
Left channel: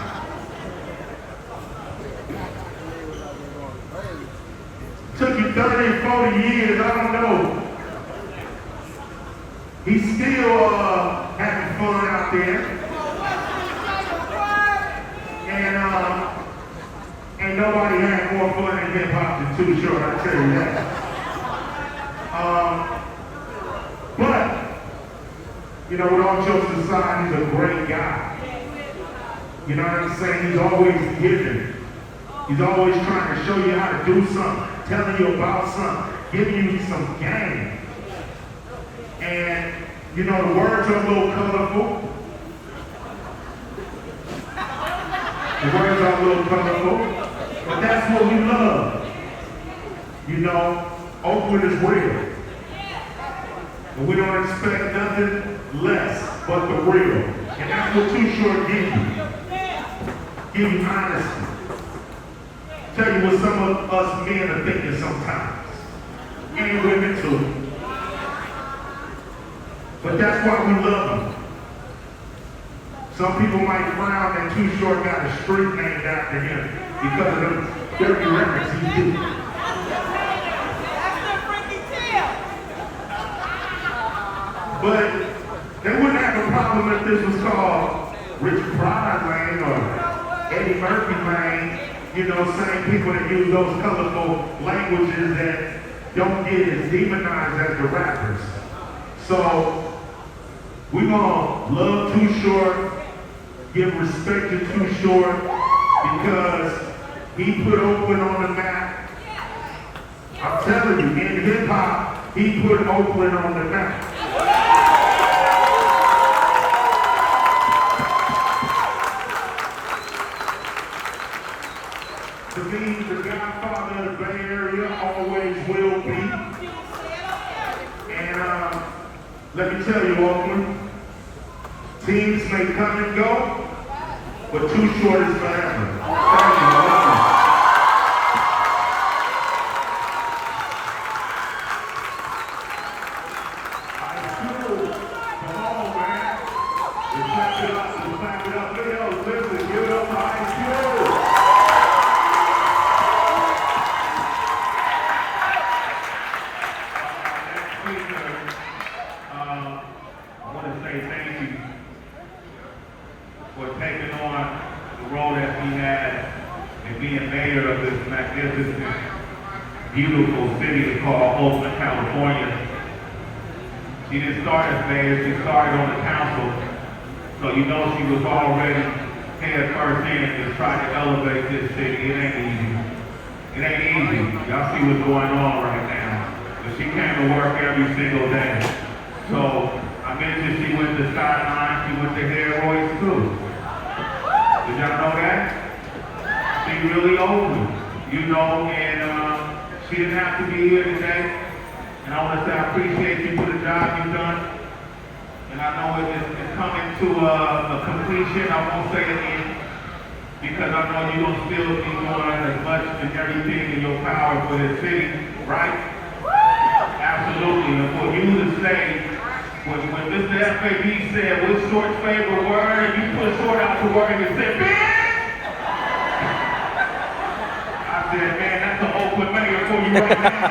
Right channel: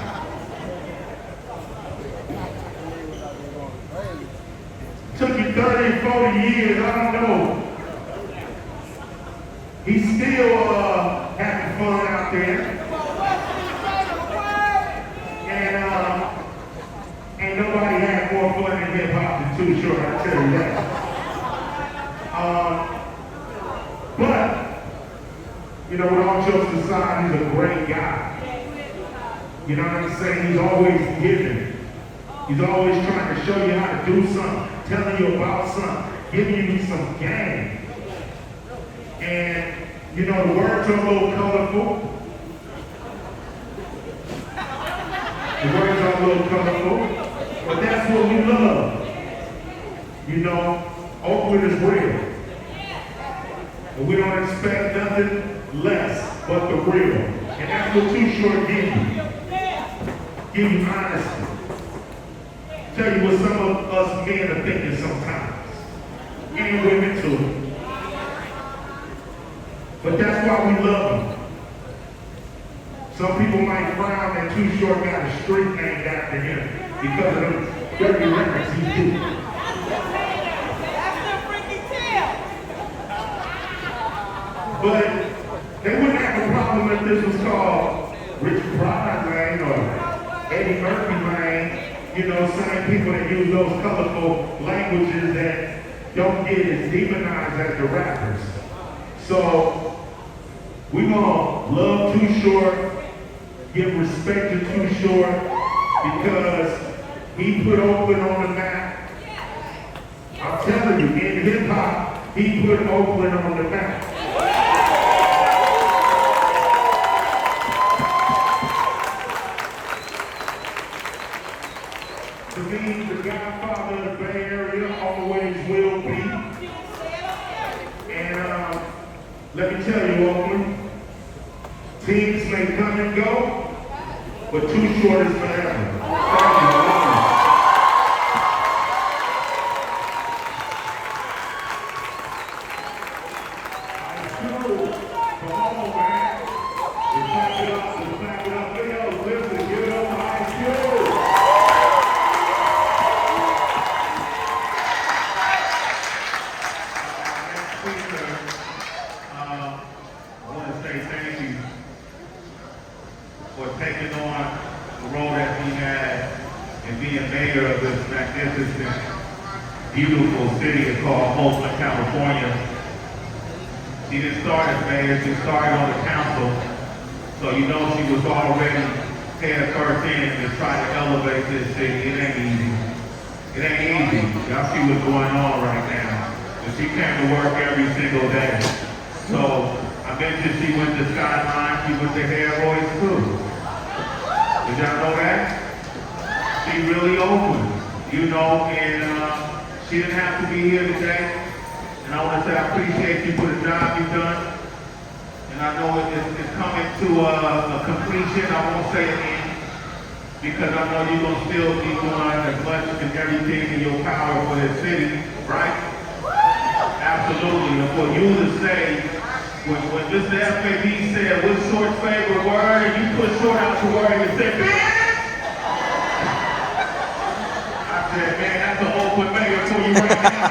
Took you 30, 40 years, I don't know. He's still having fun out there. And ain't nobody had more fun in hip hop than Too Short, I tell you that. But, you know, with all jokes aside, he's a great guy. You know what I'm saying? He's always giving. He's always trying to show you how to do something, telling you about something, giving you some game. And, you know, the words are a little colorful. The words are a little colorful, but that's what we love. You know, Oakland is real. And we don't expect nothing less but the real. And that's what Too Short gives you. Give you honesty. Tell you what some of us men are thinking sometimes. And women too. But that's why we love him. Some people might frown that Too Short got a street named after him because of the dirty records he did. That's the freaky tail. But they wouldn't have a problem if this was called Richard Pryor's Lane or Eddie Murphy's Lane. You know, same people that use those colorful languages that don't get as demonized as the rappers. So, we gonna love Too Short, give respect to Too Short, because he put Oakland on the map. I'm telling you, in hip hop, he put Oakland on the map. To me, the godfather of the Bay Area always will be. And let me tell you, Oakland, teams may come and go, but Too Short is forever. Thank you, Oakland. Ice Cube, come on, man. We clap it up, we clap it up. Yo, listen, give it up to Ice Cube. I want to say thank you for taking on the role that we had and being mayor of this magnificent, beautiful city called Oakland, California. She didn't start as mayor, she started on the council, so you know she was already head first in to try to elevate this city. It ain't easy. It ain't easy. Y'all see what's going on right now. But she came to work every single day. So I mentioned she went to Skyline, she went to Head Royce too. Did y'all know that? She really open, you know, and she didn't have to be here today. And I want to say I appreciate you for the job you've done. And I know it's coming to a completion. I won't say it in, because I know you're going to still be doing as much and everything in your power for this city, right? Absolutely. And for you to say, when Mr. FAB said, what's Short's favorite word? And you put Short out the word and said, man! I said, man, that's an open mayor for you right now.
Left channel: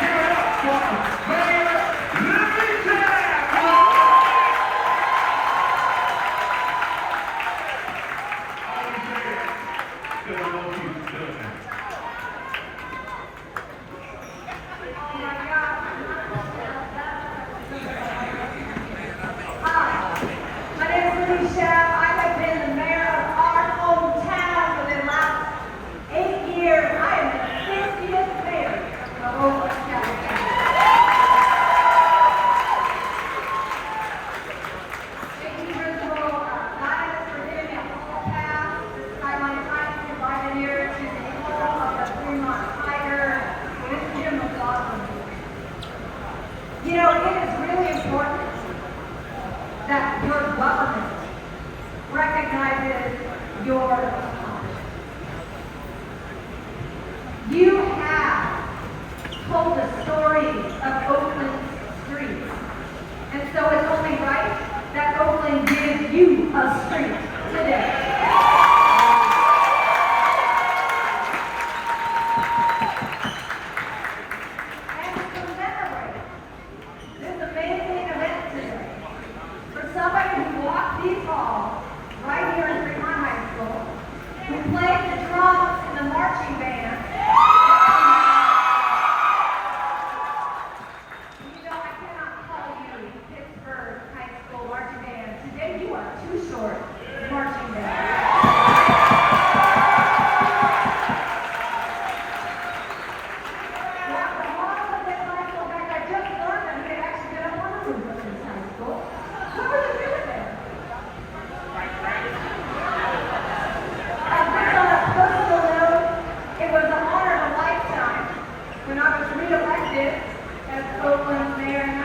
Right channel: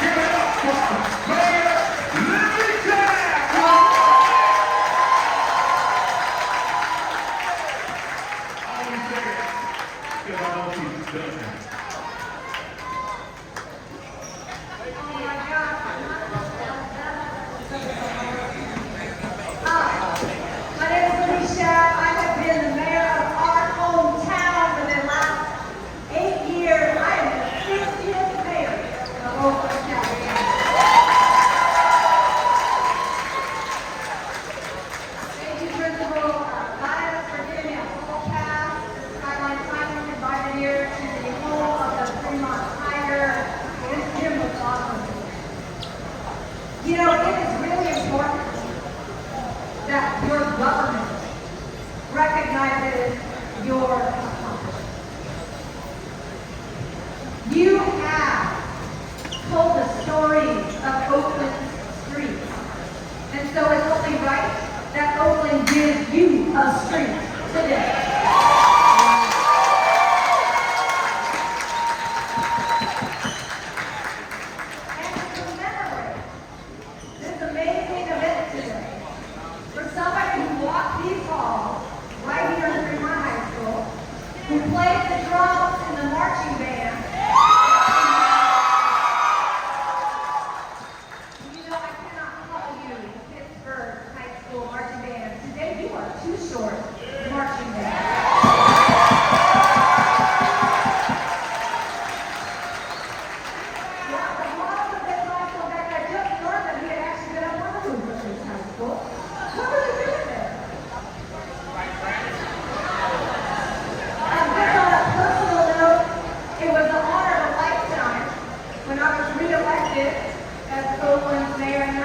Give it up for Mayor Larry Tabb! I always say that because I want you to do that. You know, it is really important that your government recognizes your accomplishments. You have told the stories of Oakland streets, and so it's only right that Oakland gives you a street today. Right here in Fremont High School, who played the drums in the marching band. You know, I cannot call you Pittsburgh High School marching band. Today you are Too Short marching band. Yeah, the mom of this high school back there just learned that he had actually been a one of this high school. What was it doing there? It was an honor of a lifetime when I was reelected as Oakland's mayor in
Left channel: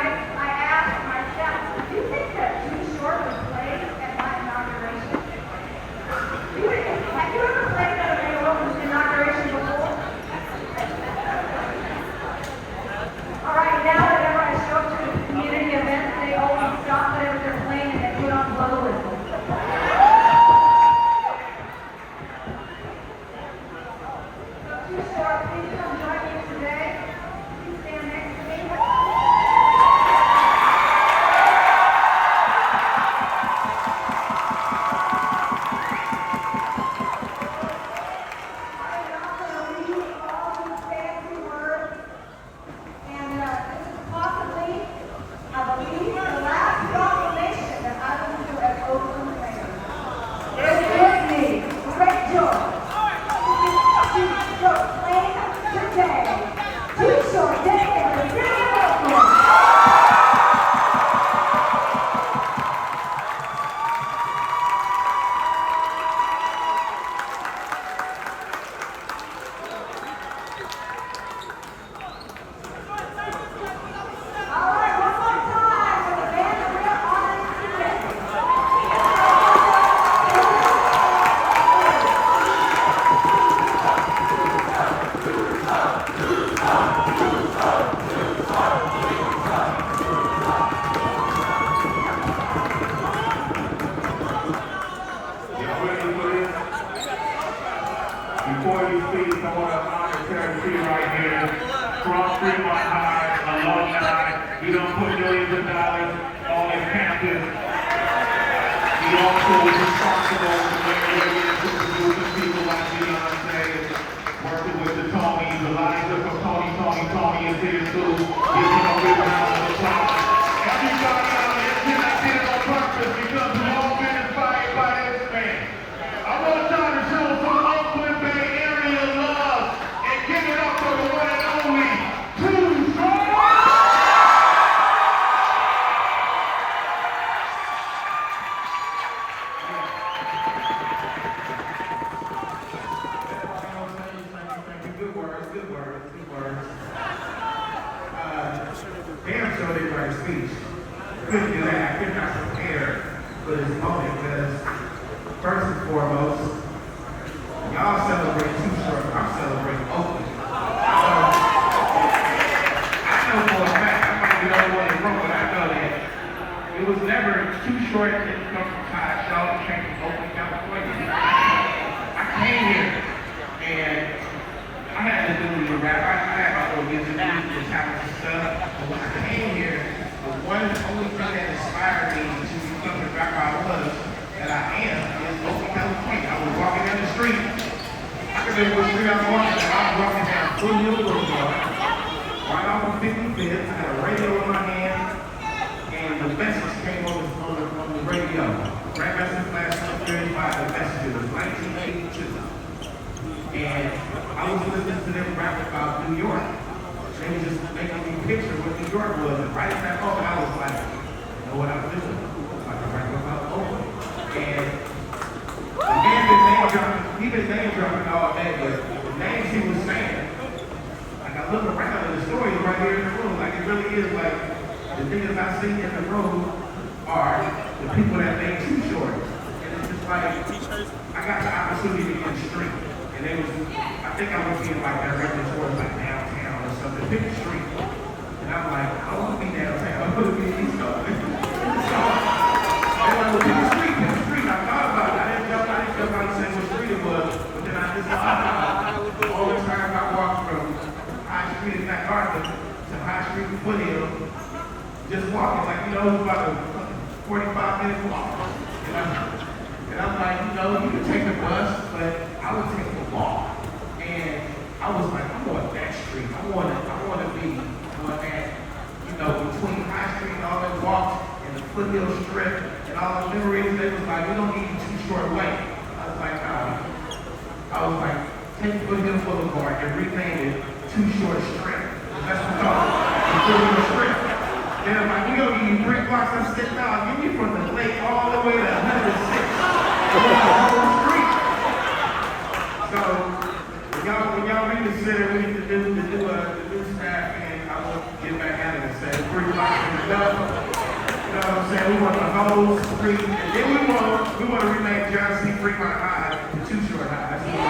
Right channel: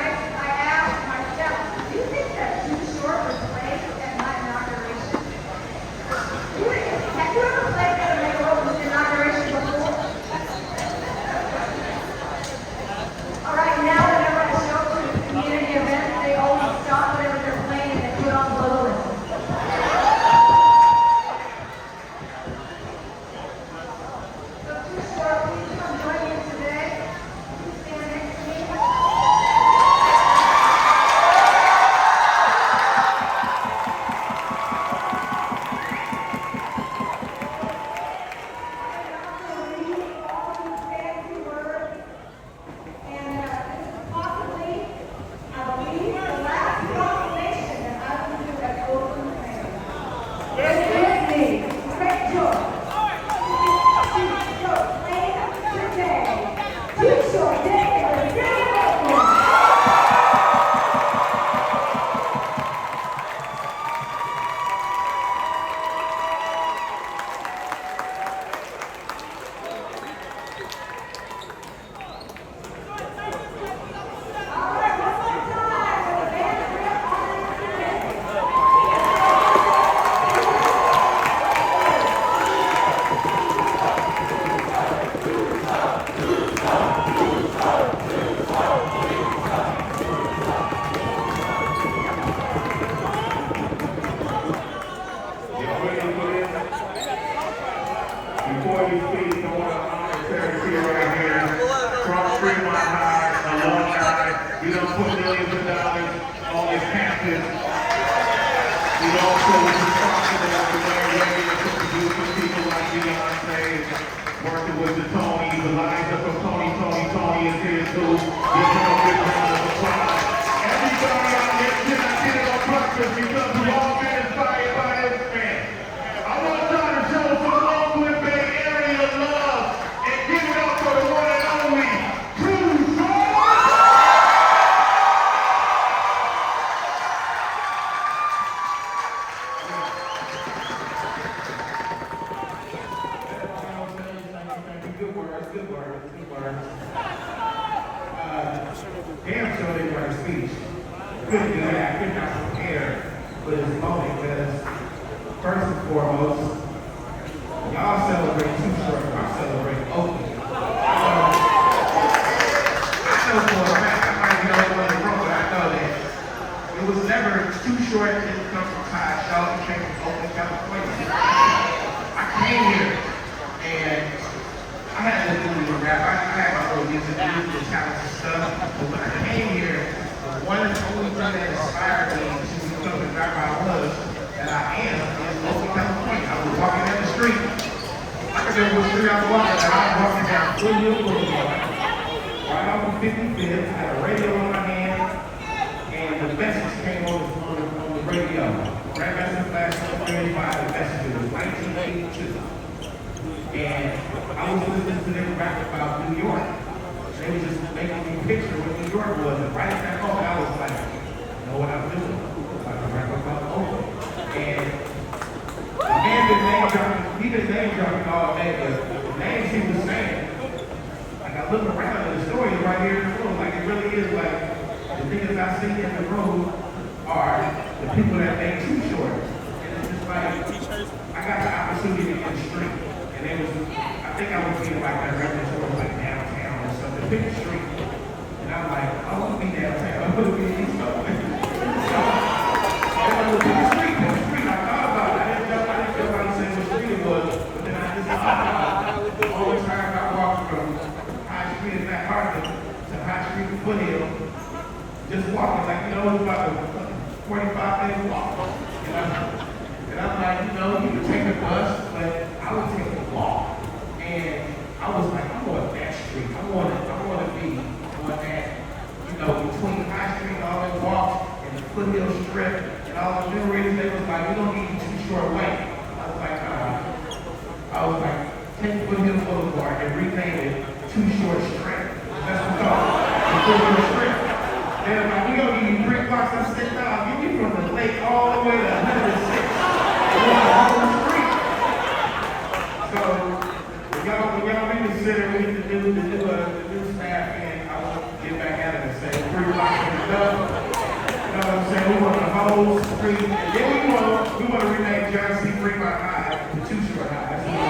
Fremont High alumni. We don't put millions of dollars on this campus. We also are responsible for very producing people like Beyonce, working with the Tonys, Eliza from Tony is here too. Giving a big round of applause. Everybody out there did it on purpose because we all get inspired by this man. I want y'all to show some Oakland Bay area love and give it up for the one and only Too Short. Good words. Damn sure they write a speech. Couldn't do that. I could not prepare for this moment because, first and foremost, y'all celebrate Too Short. I'm celebrating Oakland. I know for a fact, I might be the only one in the room, but I know that it was never Too Short that didn't come from Todd Shaw. It came from Oakland, California. I came here and I had to do rap. I had my little music challenge and stuff. But when I came here, the one and only thing that inspired me to become the rapper I was, that I am, is Oakland, California. I was walking down the street. I could remember what street I was walking down. I was walking down Foothill Blvd. Right off of 55th, I had a radio in my hand, and the message came on the radio. Grandmaster Flash 35, the message. It was 1982. And I was listening to them rap about New York. They were just making me picture what New York was. And right at that moment, I was like, you know what I'm doing? I'm like, rap about Oakland. And the man been name dropping, he been name dropping all day, but the names he was saying, like I look around and the story is right here in the room. Like it really is like, the things I see in the room are the people that make Too Short. And it's just like, I got the opportunity to get street. And it was, I think I was seeing like that record store like downtown or something, pick a street. And I'm like, I want to be downtown, I want to be in East Oakland. So, I was pick a street. I thought about it. I didn't know anybody say what street it was, but then I just thought about it. All the time I walked from High Street in that Hartford to High Street in Foothill, just walking like, you know, it was about a 45-minute walk. And I'm like, you know, you can take a bus, but I would take a walk. And I was like, I want that street. I want to be on that, you know, between High Street and all that walks and the Foothill Strip and all the memories. They was like, we don't need Too Short way. I was like, take Foothill Boulevard and rename it Too Short Strip. That's what we call it. The Foothill Strip. They're like, we don't need brick blocks. I said, no, give me from the lake all the way to 106. So when y'all reconsider we need to do the new staff, and I will get back at it and say 3 blocks from the dub. You know what I'm saying? We want the whole street, and then we want to rename John C. Fremont High to Too Short High. That's what we want.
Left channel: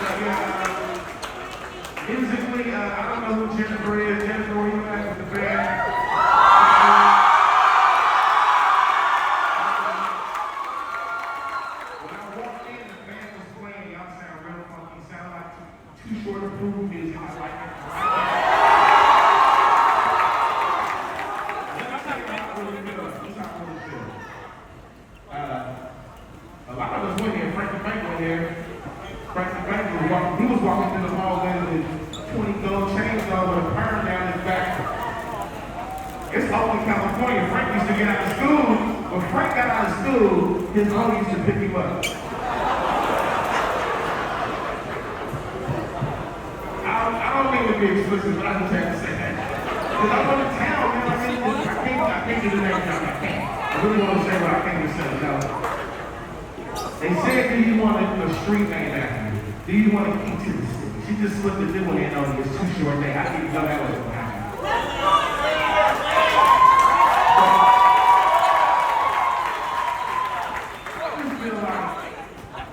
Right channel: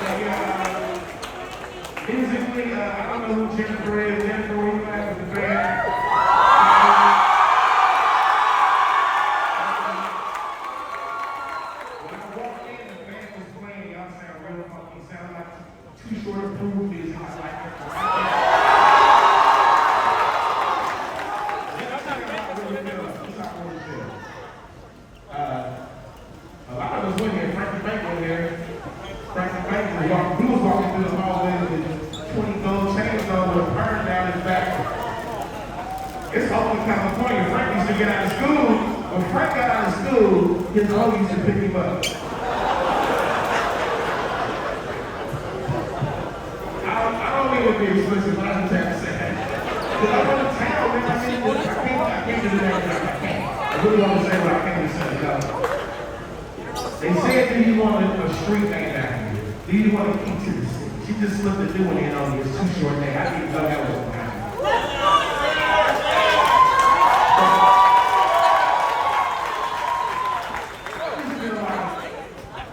So musically, I don't know who Jennifer is. Jennifer, we have with the band. Too Short of food music. I like it. A lot of us went here. Frank the Bank went here. Frank the Bank he was walking through the hallway with 20 gold chains on with a perm down his back. It's Oakland, California. Frank used to get out of school. When Frank got out of school, his mom used to pick him up. Be explicit, but I just have to say that. Because I go to town, man, I can't do that. I really want to say what I can't say. They said, do you want a street named after you? Do you want to eat to the city? She just slipped a new one in on this Too Short thing. I didn't know that was going to happen.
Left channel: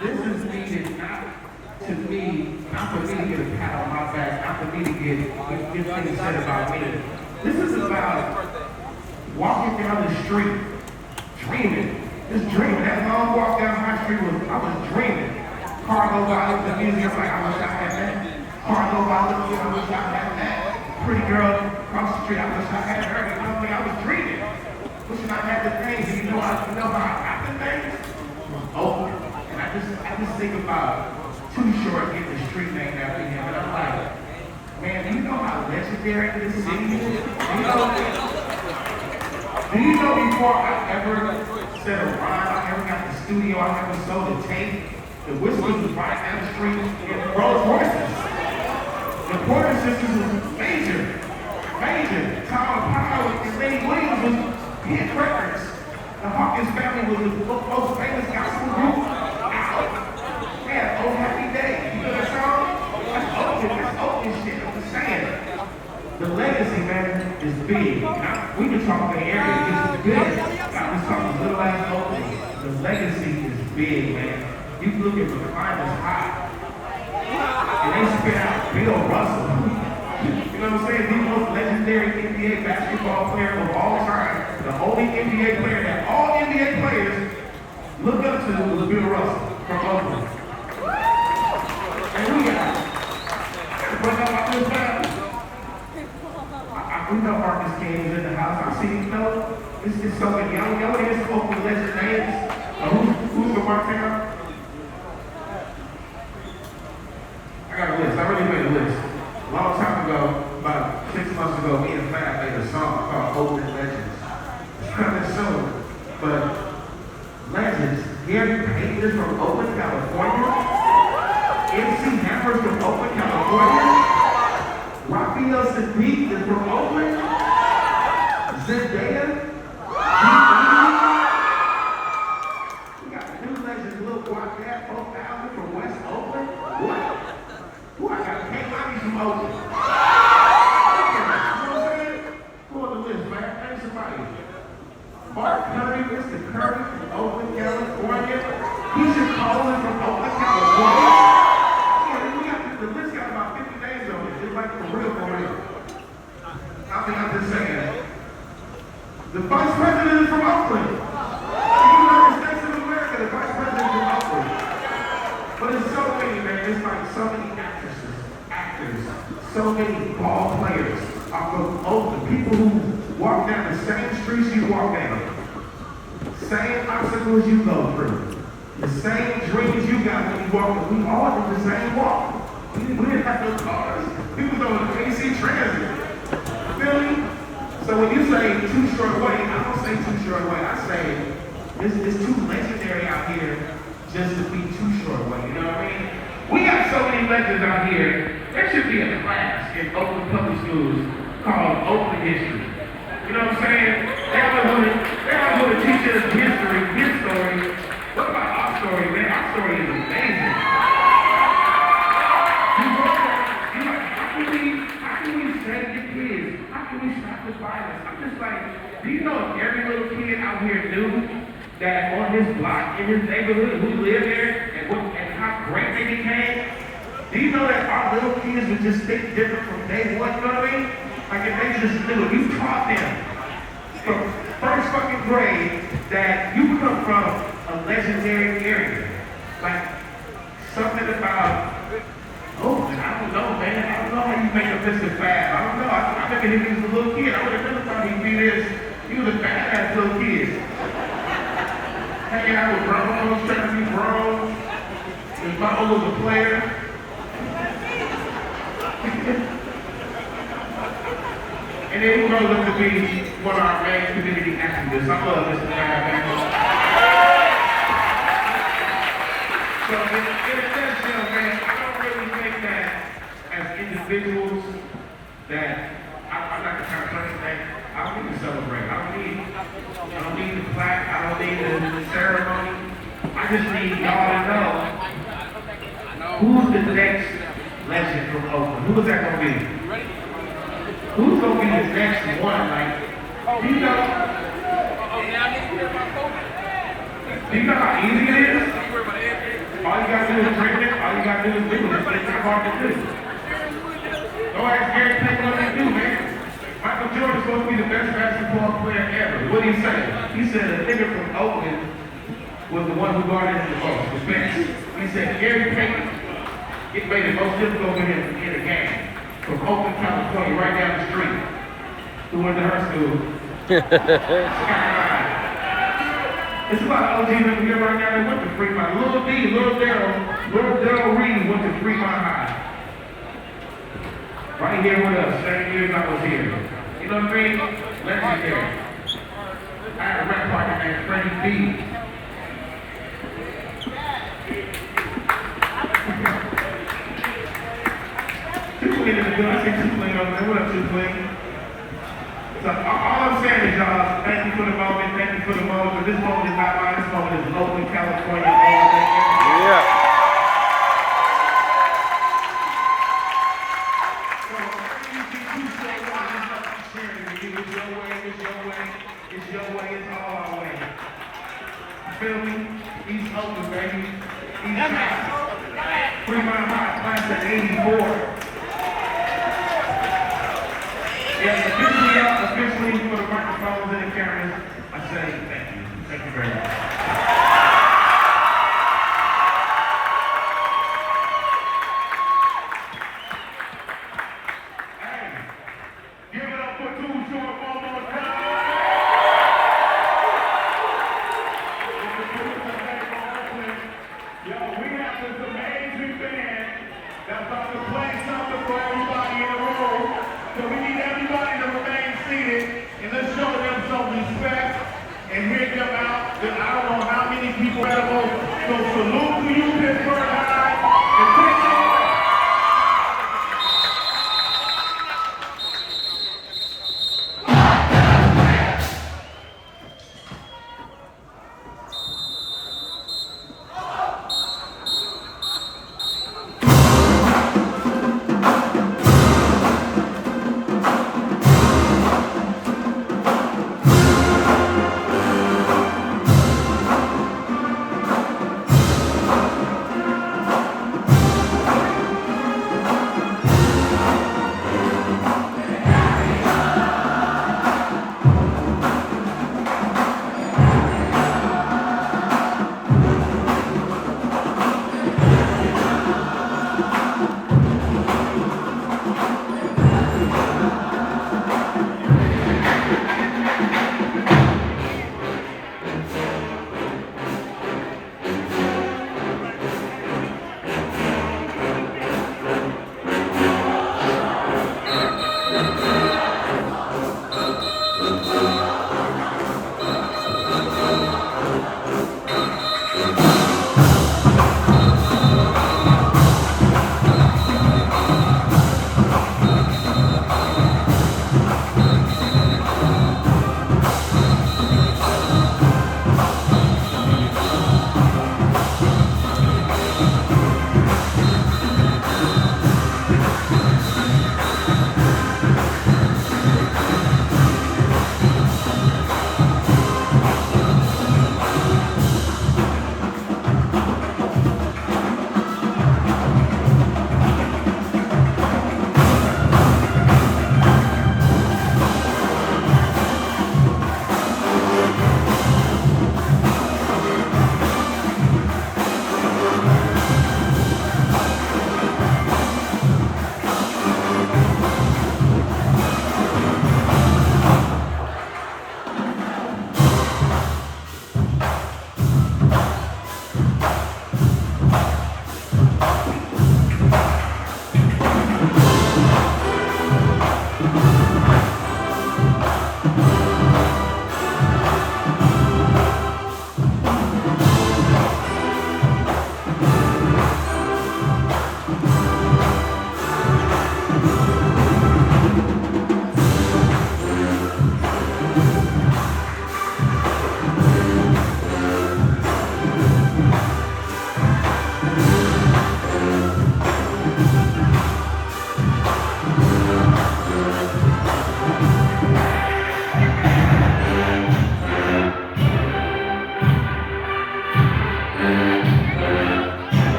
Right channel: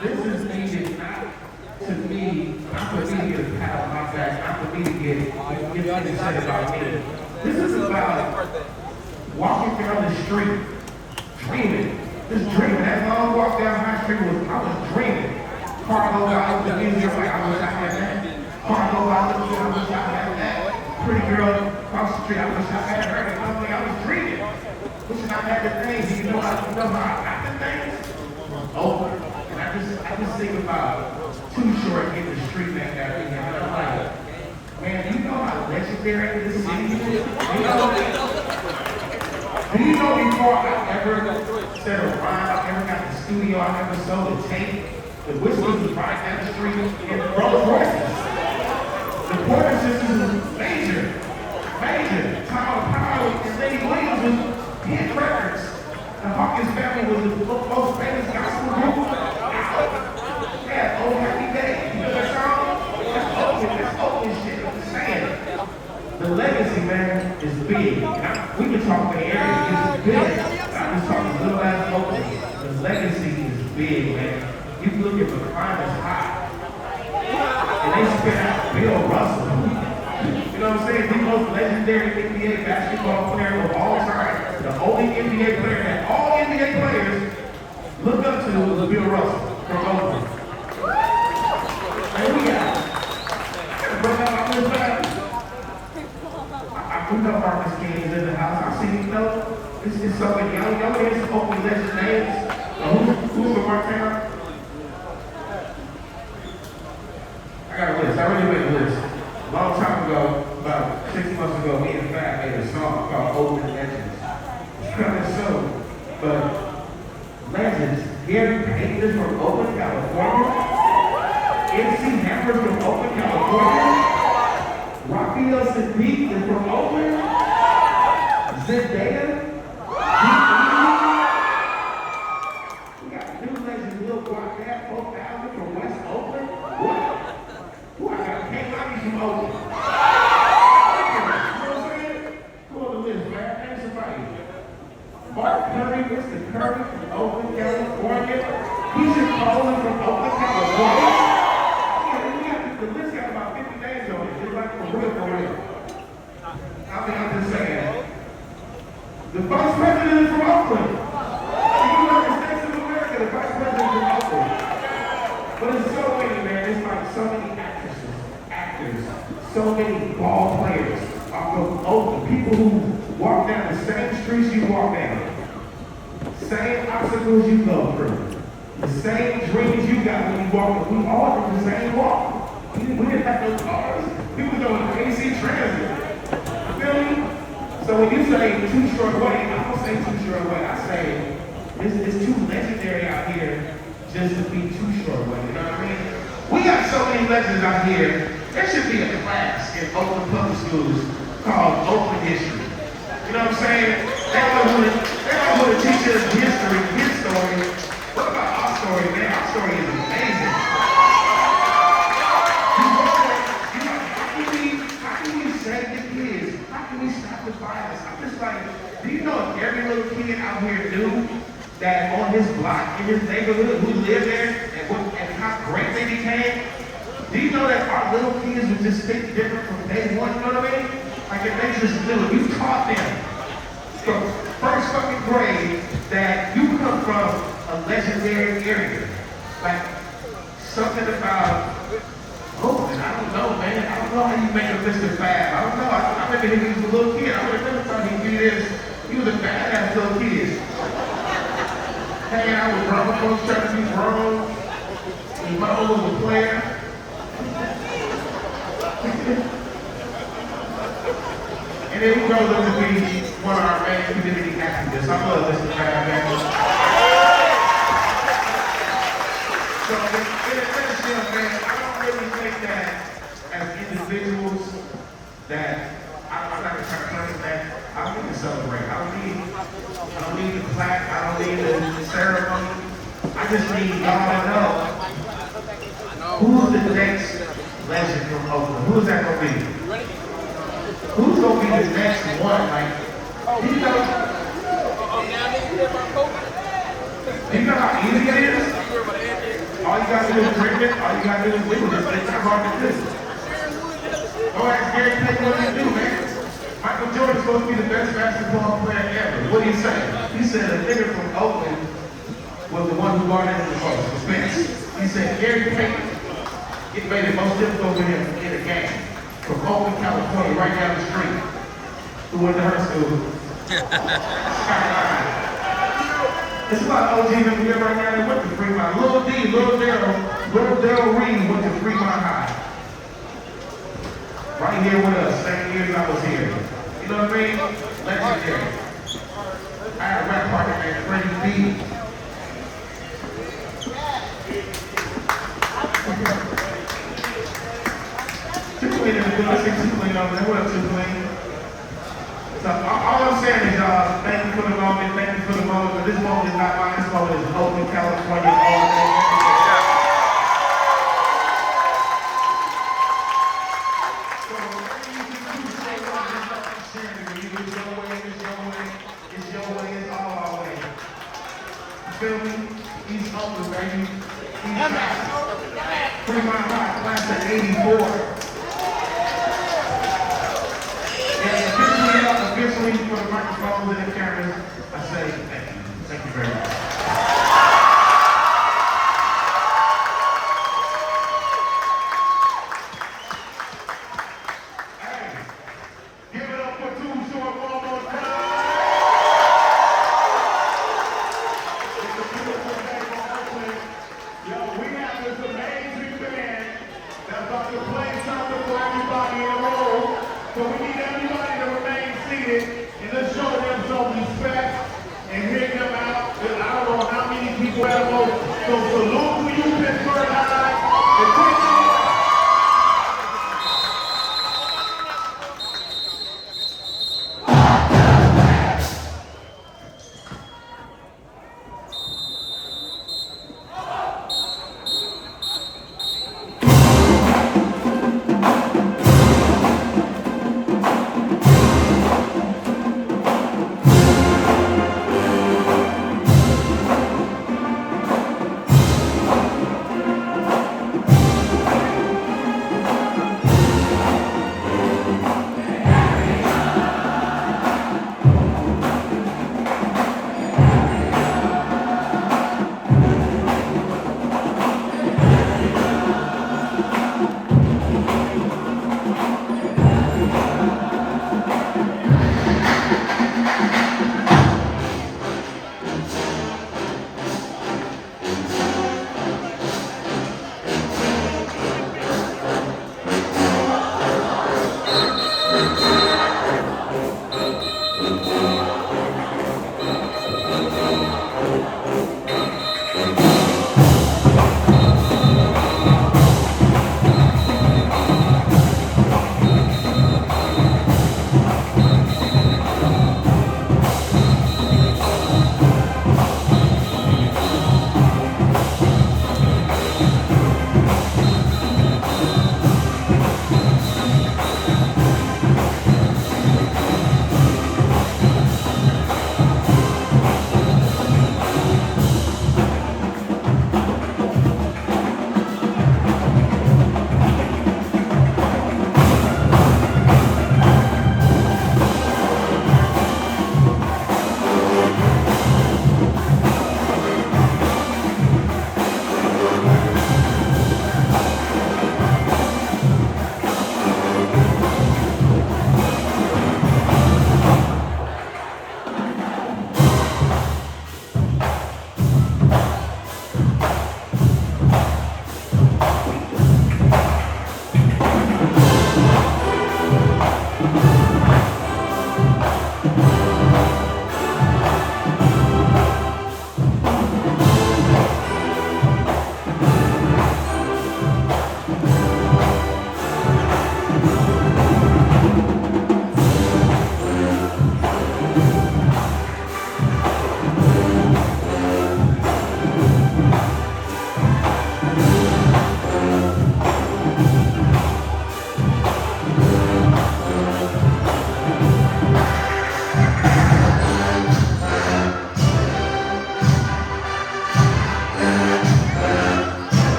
This is needed not to me, not for me to get a pat on my back, not for me to get things said about me. This is about walking down the street, dreaming. Just dreaming. That long walk down my street I was dreaming. Car go out of the museum like I wish I had that. girl across the street. I had her, and I was dreaming. Wishing I had the things. You know how I got the things? Oakland. And I just think about Too Short getting the street named after him. And I'm like, man, do you know how legendary this city is? Do you know before I ever said a rhyme, I ever got the studio, I ever sold a tape, the Whistles was right down the street in Rolls Royces. The Porter sisters was major. Tom Powell and Lady Williams was hit records. The Hawkins family was the most famous gospel group out. Yeah, Oh Happy Day. You know that song? That's Oakland shit. I'm just saying. The legacy, man, is big. We can talk in the area, this is big. I'm just talking little ass Oakland. The legacy is big, man. You look at the finals high. And they spit out Bill Russell. You know what I'm saying? The most legendary NBA basketball player of all time. The only NBA player that all NBA players look up to was Bill Russell from Oakland. And we got we know Marcus King is in the house. I see him know. This is so many. Y'all hear some Oakland legend names? Who's the Martin? I got a list. I already made a list. A long time ago, about 6 months ago, me and Fat made a song called Oakland Legends. It's kind of soon, but legends. Gary Payton is from Oakland, California. MC Hammer's from Oakland, California. Raphael Sadiq is from Oakland. Zendaya. We got new legends, Lil Guacat, 4,000 from West Oakland. What? Who I got? K-Lobby from Oakland. You know what I'm saying? Who on the list, man? Name somebody. Mark Curry, Mr. Curry from Oakland, California. Keisha Coleman from Oakland, California. The list got about 50 names on it. It's like for real. I'm just saying. The vice president is from Oakland. The United States of America, the vice president is from Oakland. But it's so many, man. It's like so many actors, so many ball players are from Oakland. People who walk down the same streets you walk down. Same obstacles you go through. The same dreams you got when you walk. We all did the same walk. We didn't have no cars. We was on AC Transit. Feel me? So when you say Too Short Way, I don't say Too Short Way. I say it's too legendary out here just to be Too Short Way. You know what I mean? We got so many legends out here. There should be a class in Oakland public schools called Oakland History. You know what I'm saying? They don't want to teach us history, his story. What about our story, man? Our story is amazing. How can we save the kids? How can we stop the violence? I'm just like, do you know if every little kid out here knew that on his block, in his neighborhood, who lived there, and how great they became? Do you know that our little kids would just think different from day one, you know what I mean? Like if they just knew, you taught them from first fucking grade that you come from a legendary area. Like something about Oakland, I don't know, man. I don't know how you make a Mr. Fab. I don't know. I remember him as a little kid. I would have never thought he'd be this. He was a badass little kid. Hanging out with Broncos, trying to be grown. His mama was a player. And then he grows up to be one of our main community activists. I love this guy, man. So in a nutshell, man, I don't really think that as individuals that I'm not the kind of person that I don't need to celebrate. I don't need the plaque. I don't need the ceremony. I just need y'all to know who's the next legend from Oakland. Who is that gonna be? Who's gonna be the next one? Like, you know how easy it is? All you gotta do is dream it. All you gotta do is do it. It's not hard to do. Go ask Gary Payton what he do, man. Michael Jordan's supposed to be the best basketball player ever. What did he say? He said a nigga from Oakland was the one who brought in the most Spence. He said Gary Payton, it made it most difficult for him to get a game. from Oakland, California, right down the street. Who went to her school. It's about OG over here right now. They went to Fremont. Little Daryl Reed went to Fremont High. Right here with us, same years I was here. You know what I mean? Legendary. I had a rap partner named Freddie B. Two-Clean in the good. I say Two-Clean over there. What up, Two-Clean? So all I'm saying is, y'all, thank you for the moment, thank you for the moment, but this moment is not mine, this moment is Oakland, California, all day. Yeah. So, it's your way, it's all our way. You feel me? East Oakland, baby. Fremont High, class of '84.